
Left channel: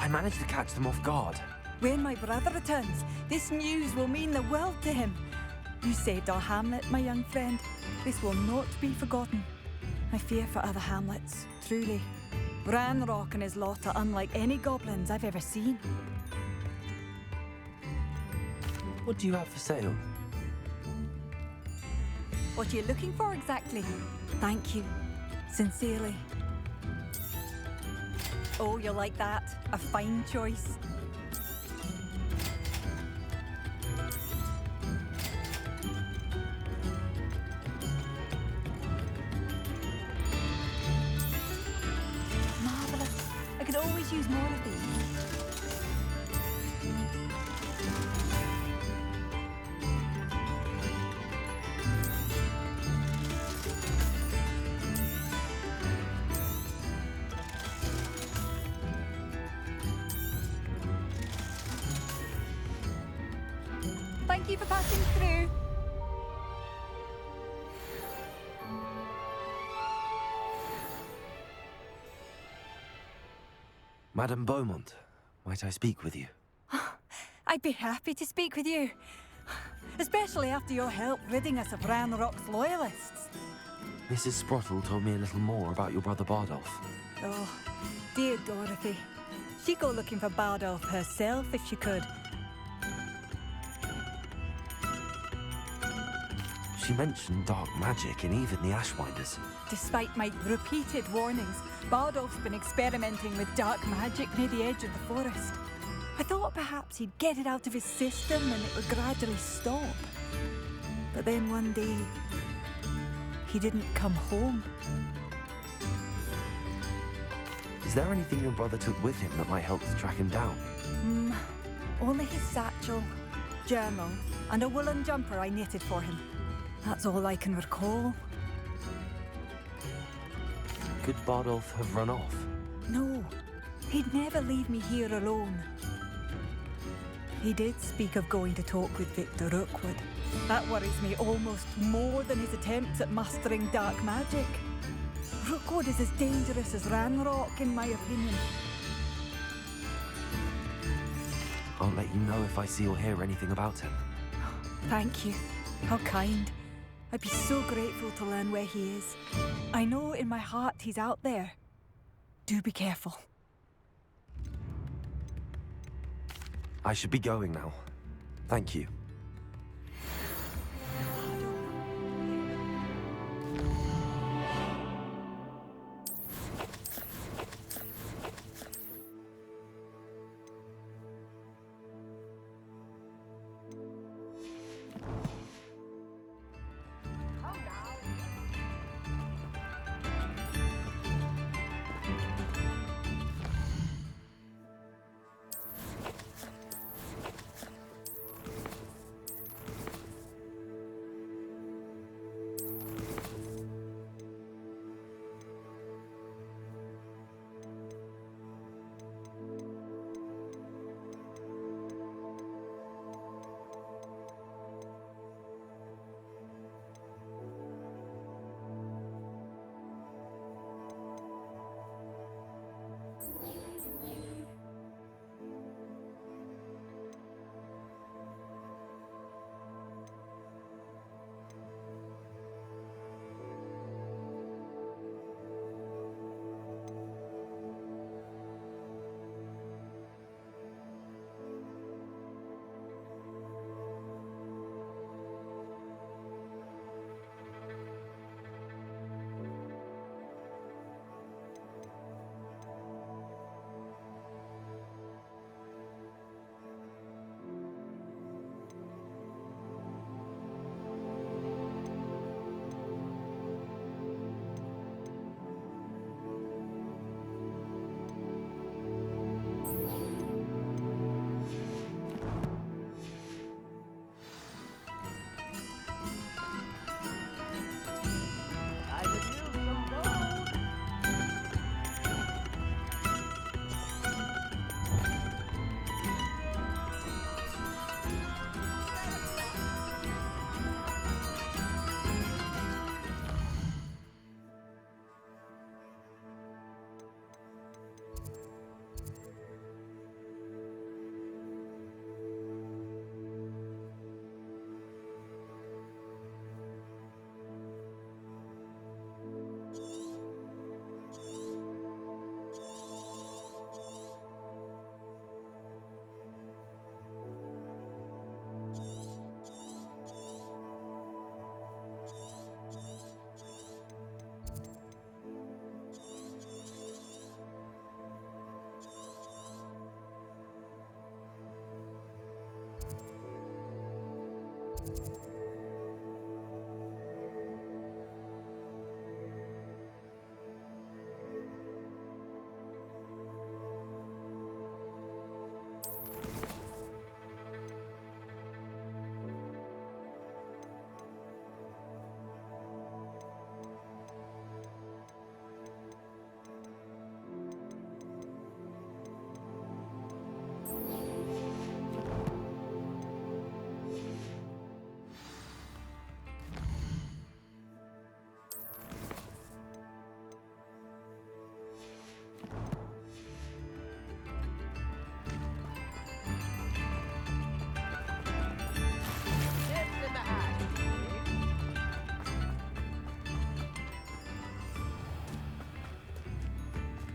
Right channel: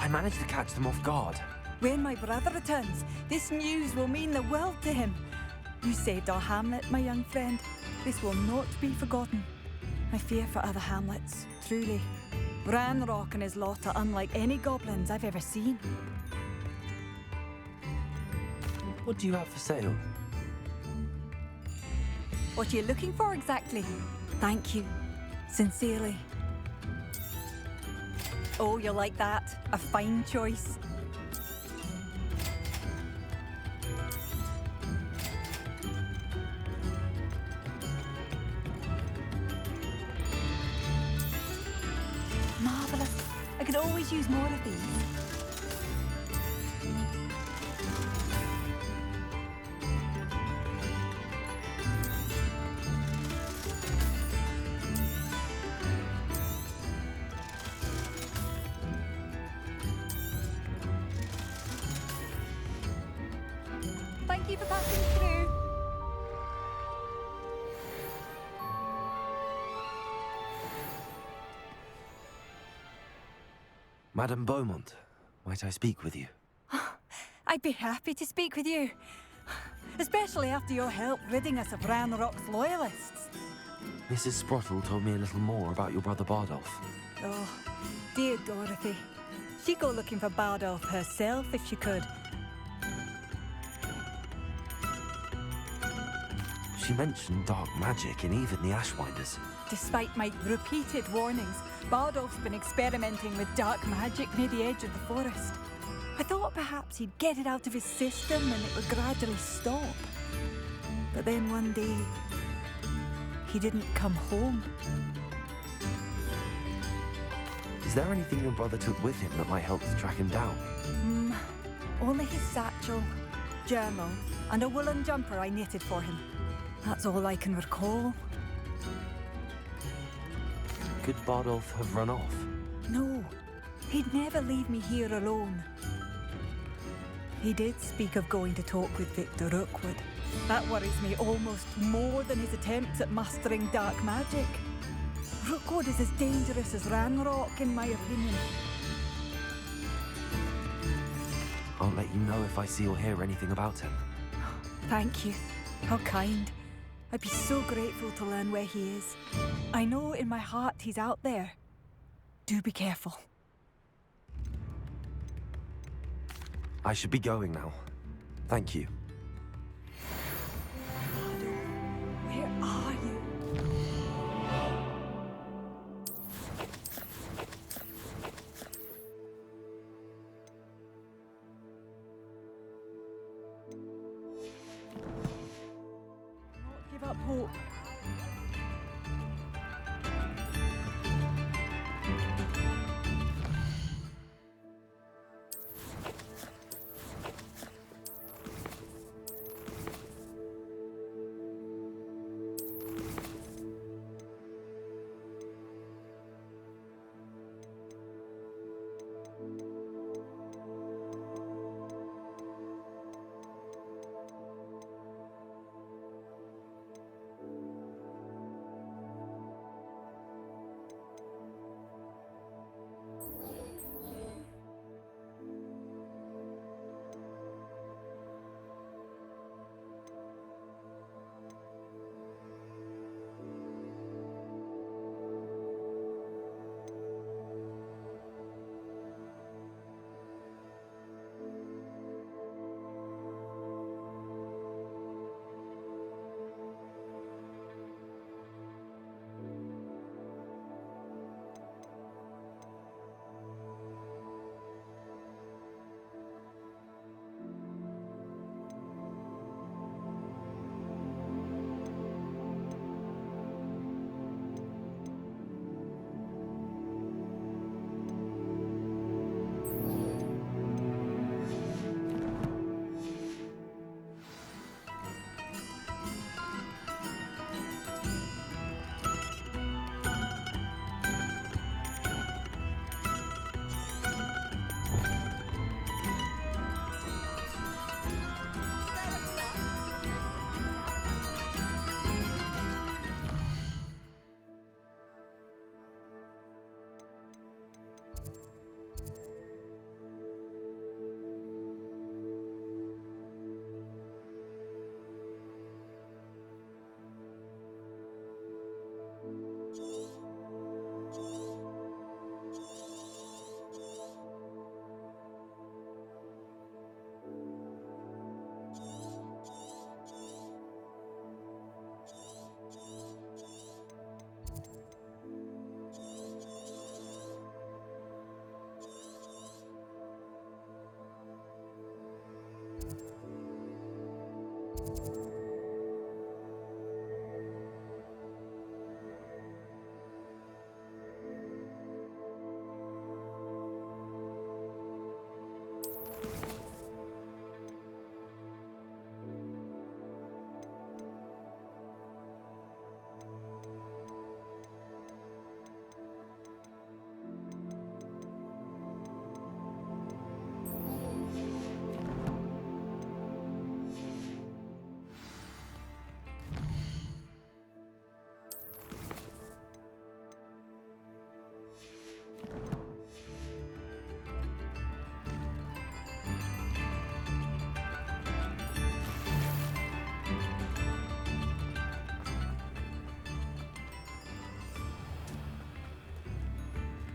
I managed to catch them off guard. When my brother returns, this news will mean the world to him. You saved our hamlet, my young friend. This will not be forgotten. I fear for other hamlets, truly. Ranrock and his lot are unlike any goblins I've ever seen. What do you have for sale? What are you looking for exactly? Thank you. Sincerely. Oh, you'll like that. A fine choice. Marvelous. I could always use more of these. Thank you for passing through. Madame Beaumont, might I speak with you? I'd be happy to speak with you. Especially after your help ridding us of Ranrock's loyalists. Mrs. Sprottle told me a little more about your brother Bardolph. Oh, dear Dorothy. She'd go looking for Bardolph herself if she could. She mentioned dark magic in even the Ashwinders. Despite my repeated warnings, Bardolph's been experimenting with dark magic near the edge of the forest. I thought perhaps he'd get it out of his system and it would gradually stop. But then one day, he didn't come home. Is there anything your brother took with him that might help to track him down? Only his satchel, journal, and a woolen jumper I knitted for him. That's all I can recall. Could Bardolph have run off? No, he'd never leave me here alone. He did speak of going to talk with Victor Rookwood. That worries me almost more than his attempts at mastering dark magic. Rookwood is as dangerous as Ranrock, in my opinion. I'll let you know if I see or hear anything about him. Thank you. How kind. I'd be so grateful to learn where he is. I know in my heart he's out there. Do be careful. I should be going now. Thank you. Where are you? Give up hope.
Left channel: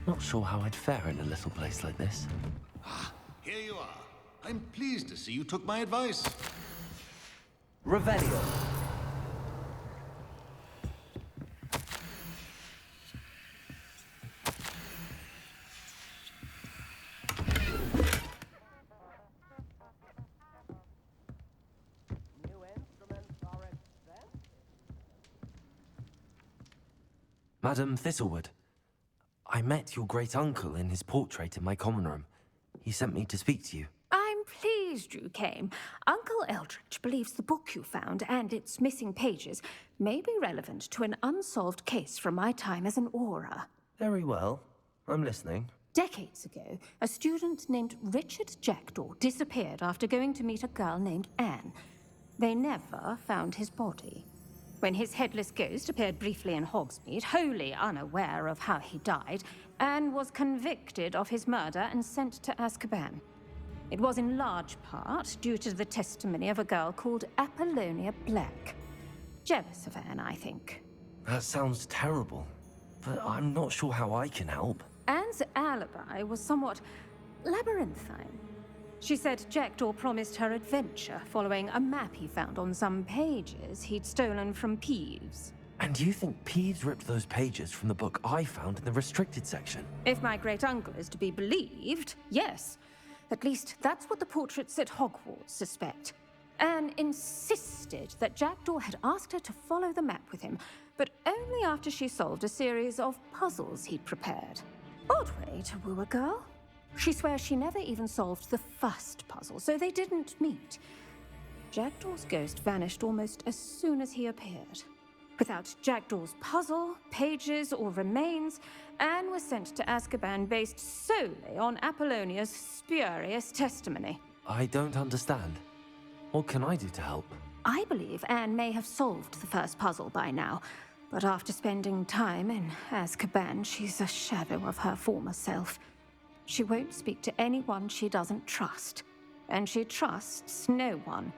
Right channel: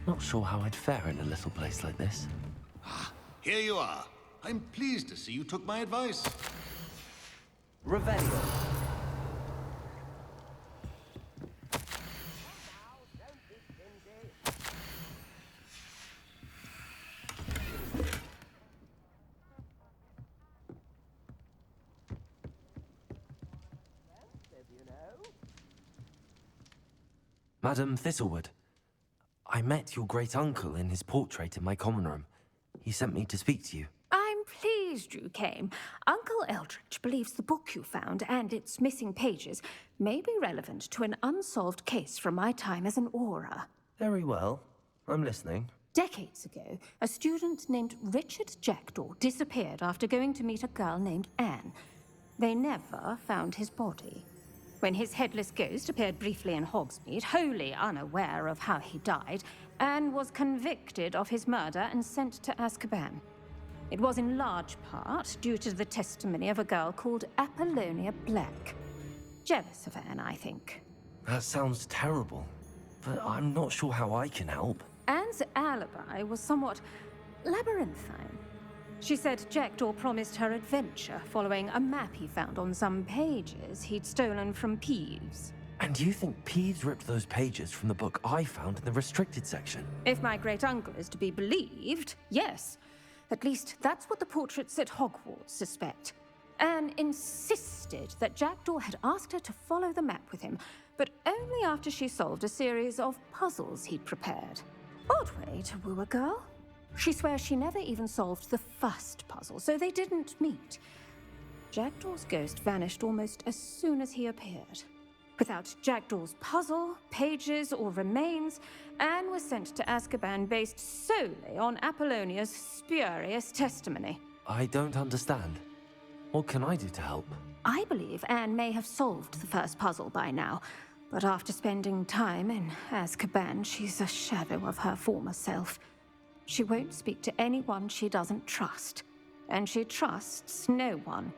Not sure how I'd fare in a little place like this. Here you are. I'm pleased to see you took my advice. Revelio. Madam Thistlewood, I met your great-uncle in his portrait in my common room. He sent me to speak to you. I'm pleased you came. Uncle Eldridge believes the book you found and its missing pages may be relevant to an unsolved case from my time as an aura. Very well. I'm listening. Decades ago, a student named Richard Jackdaw disappeared after going to meet a girl named Anne. They never found his body. When his headless ghost appeared briefly in Hogsmeade, wholly unaware of how he died, Anne was convicted of his murder and sent to Azkaban. It was in large part due to the testimony of a girl called Apollonia Black. Jealous of Anne, I think. That sounds terrible, but I'm not sure how I can help. Anne's alibi was somewhat labyrinthine. She said Jackdaw promised her adventure following a map he found on some pages he'd stolen from Peeves. And you think Peeves ripped those pages from the book I found in the restricted section? If my great-uncle is to be believed, yes. At least that's what the portraits at Hogwarts suspect. Anne insisted that Jackdaw had asked her to follow the map with him, but only after she solved a series of puzzles he'd prepared. Odd way to woo a girl. She swears she never even solved the first puzzle, so they didn't meet. Jackdaw's ghost vanished almost as soon as he appeared. Without Jackdaw's puzzle, pages, or remains, Anne was sent to Azkaban based solely on Apollonia's spurious testimony. I don't understand. What can I do to help? I believe Anne may have solved the first puzzle by now, but after spending time in Azkaban, she's a shadow of her former self. She won't speak to anyone she doesn't trust, and she trusts no one.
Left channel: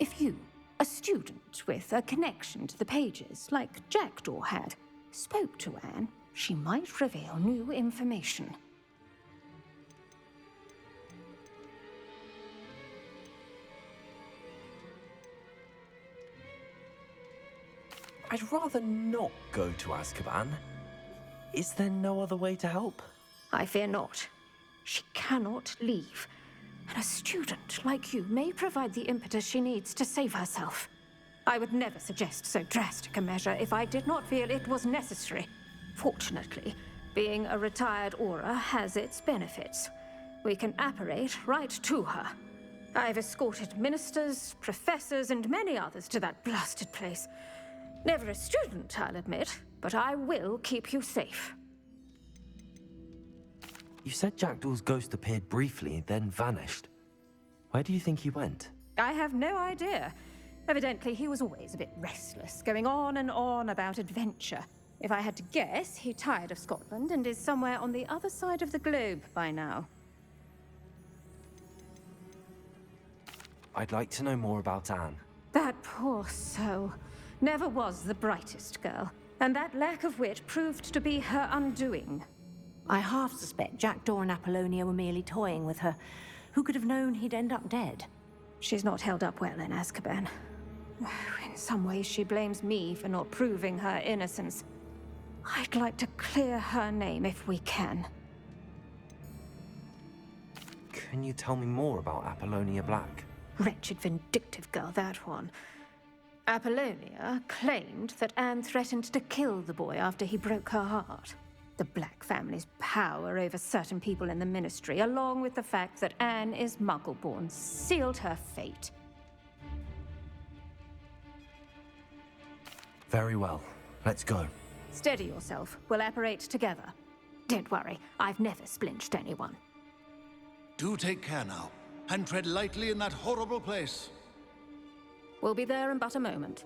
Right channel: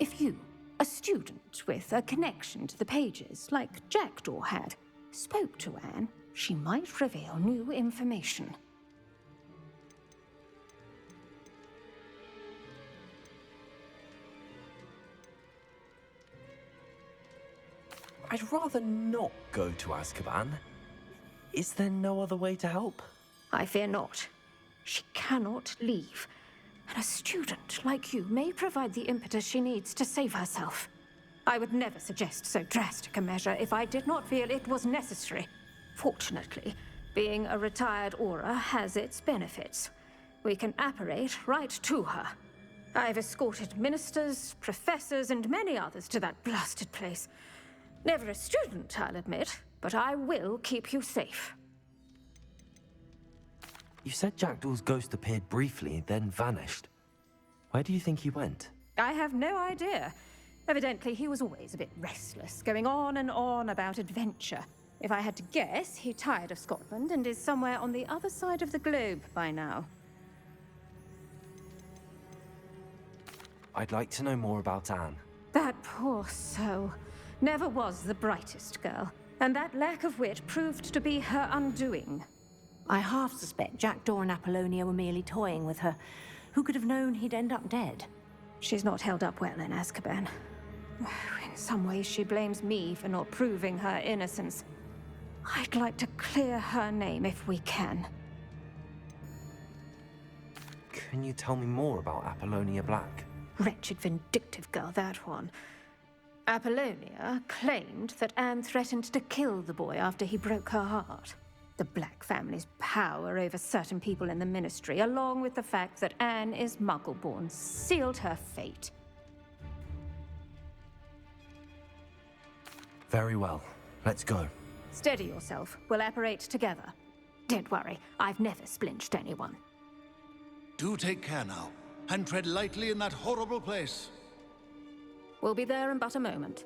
If you, a student with a connection to the pages, like Jackdaw had, spoke to Anne, she might reveal new information. I'd rather not go to Azkaban. Is there no other way to help? I fear not. She cannot leave. And a student like you may provide the impetus she needs to save herself. I would never suggest so drastic a measure if I did not feel it was necessary. Fortunately, being a retired aura has its benefits. We can apparate right to her. I've escorted ministers, professors, and many others to that blasted place. Never a student, I'll admit, but I will keep you safe. You said Jackdaw's ghost appeared briefly, then vanished. Where do you think he went? I have no idea. Evidently, he was always a bit restless, going on and on about adventure. If I had to guess, he tired of Scotland and is somewhere on the other side of the globe by now. I'd like to know more about Anne. That poor soul. Never was the brightest girl, and that lack of wit proved to be her undoing. I half suspect Jackdaw and Apollonia were merely toying with her. Who could have known he'd end up dead? She's not held up well in Azkaban. In some ways, she blames me for not proving her innocence. I'd like to clear her name if we can. Can you tell me more about Apollonia Black? Wretched, vindictive girl, that one. Apollonia claimed that Anne threatened to kill the boy after he broke her heart. The Black family's power over certain people in the Ministry, along with the fact that Anne is Muggle-born, sealed her fate. Very well. Let's go. Steady yourself. We'll apparate together. Don't worry, I've never splinched anyone. Do take care now, and tread lightly in that horrible place. We'll be there in but a moment.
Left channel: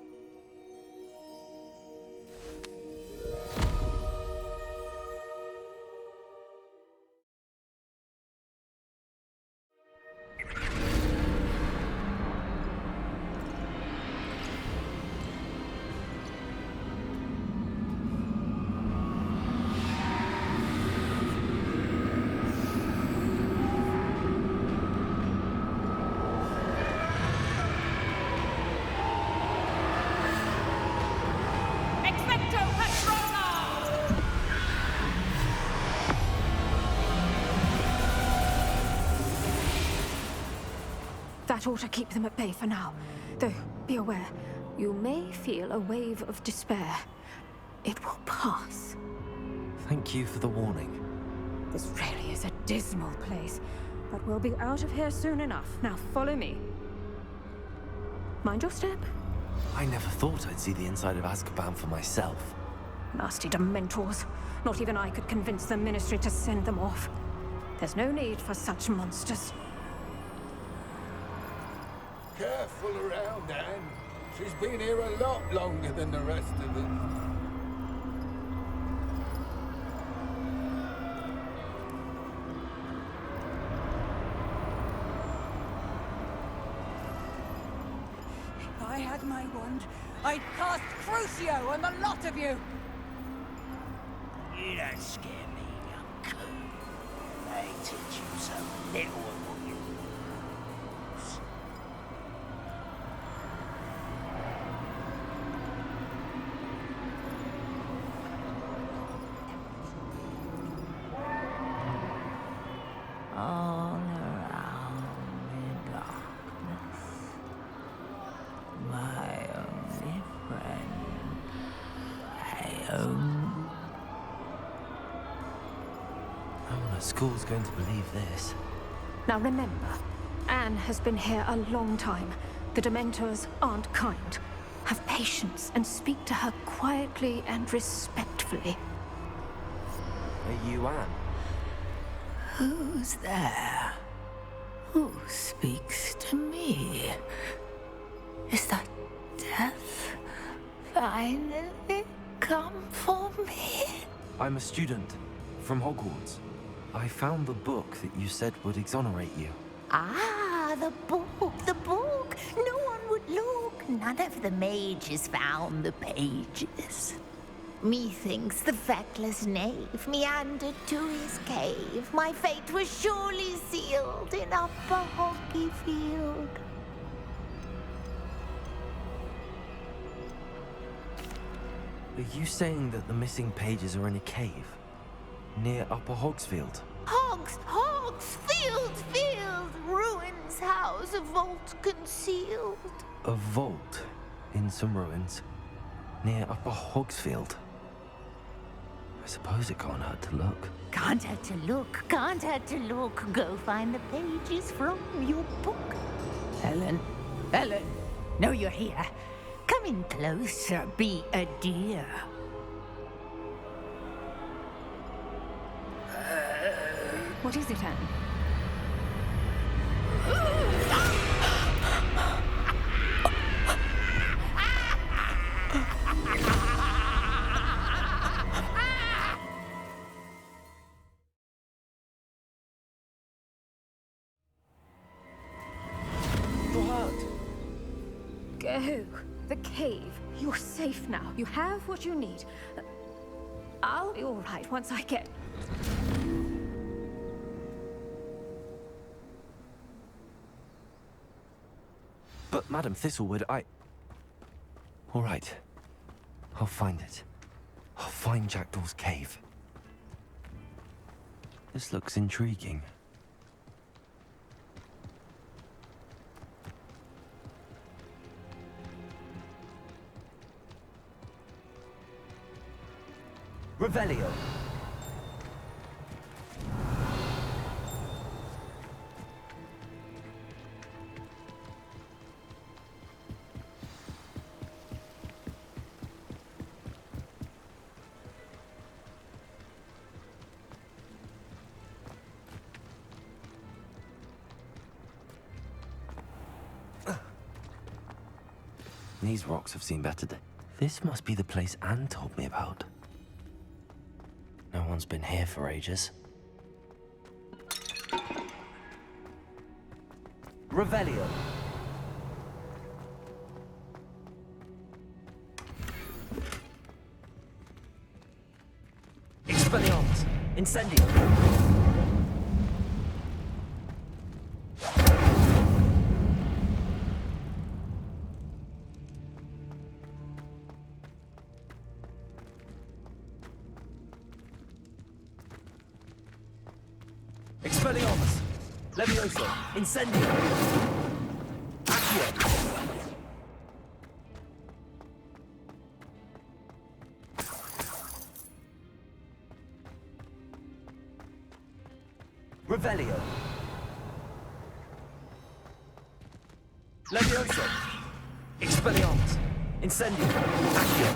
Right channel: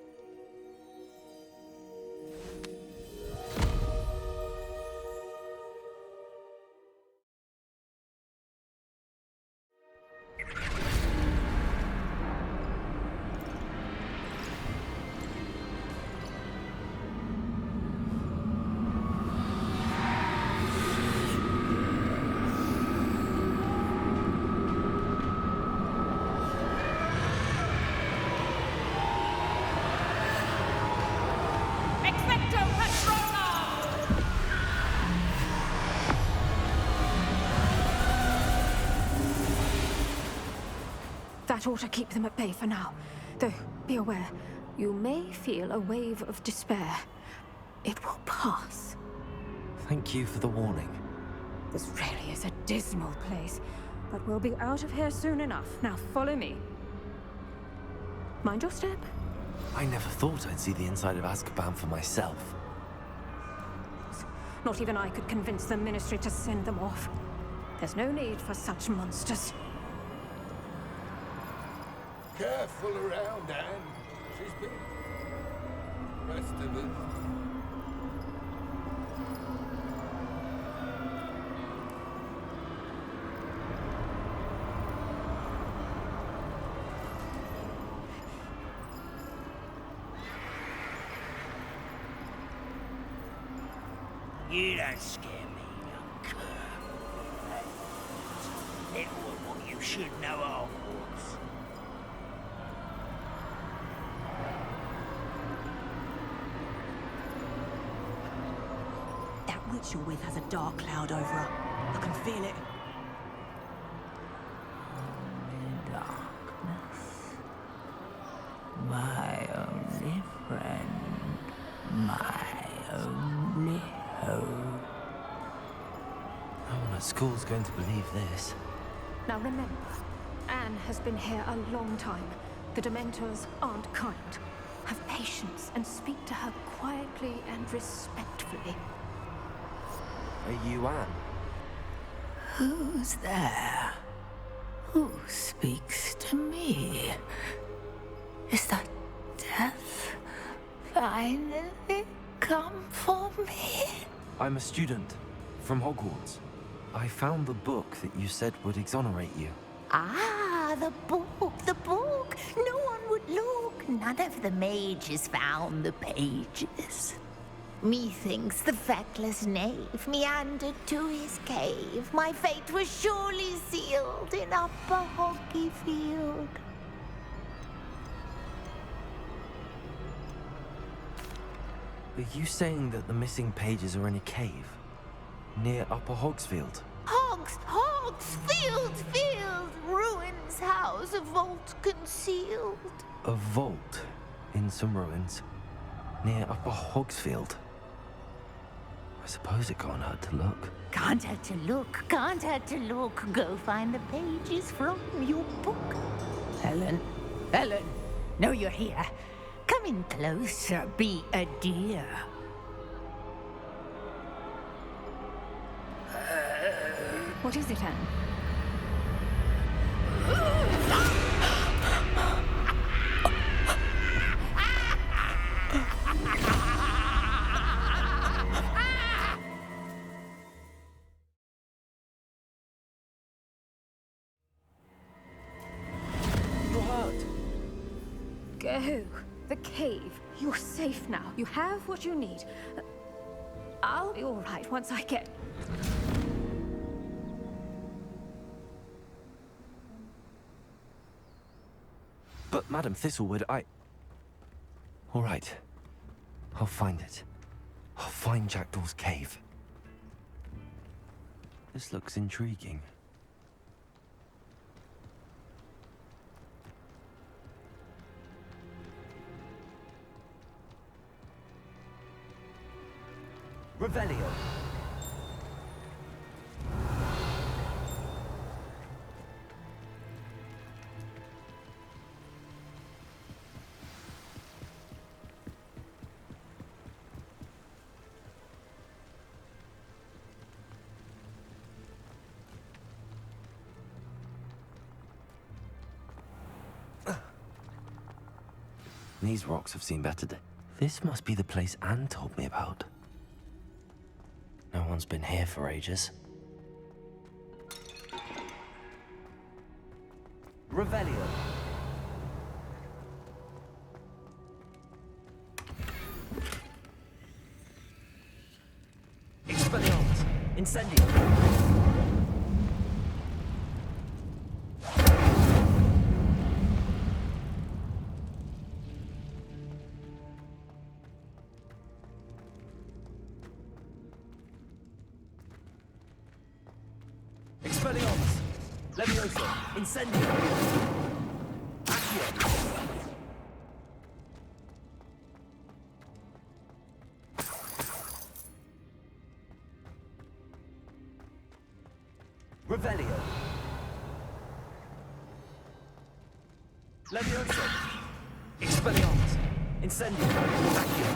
That ought to keep them at bay for now. Though, be aware, you may feel a wave of despair. It will pass. Thank you for the warning. This really is a dismal place, but we'll be out of here soon enough. Now follow me. Mind your step. I never thought I'd see the inside of Azkaban for myself. Nasty Dementors. Not even I could convince the Ministry to send them off. There's no need for such monsters. Careful around, Anne. She's been here a lot longer than the rest of us. If I had my wand, I'd cast Crucio on the lot of you! You don't scare me, young cur. They teach you so little of what you should know of. That ritual wave has a dark cloud over it. I can feel it. All around in darkness. My only friend. My only hope. No one at school's going to believe this. Now remember, Anne has been here a long time. The Dementors aren't kind. Have patience and speak to her quietly and respectfully. Are you Anne? Who's there? Who speaks to me? Is that death finally come for me? I'm a student from Hogwarts. I found the book that you said would exonerate you. Ah, the book, the book. No one would look. None of the mages found the pages. Methinks the feckless knave meandered to his cave. My fate was surely sealed in Upper Hogsfield. Are you saying that the missing pages are in a cave? Near Upper Hogsfield? Hogsfield, ruins house, a vault concealed. A vault in some ruins near Upper Hogsfield. I suppose it can't hurt to look. Can't hurt to look, can't hurt to look. Go find the pages from your book. Helen, know you're here. Come in closer, be a dear. What is it, Anne? You're hurt. Go. The cave. You're safe now. You have what you need. I'll be all right once I get... But Madam Thistlewood, all right. I'll find it. I'll find Jackdaw's cave. This looks intriguing. Revelio. These rocks have seen better days. This must be the place Anne told me about. No one's been here for ages. Revelio. Expelliarmus. Incendio. Expelliarmus. Levioso. Incendio. Accio. Revelio. Levioso. Expelliarmus. Incendio. Accio.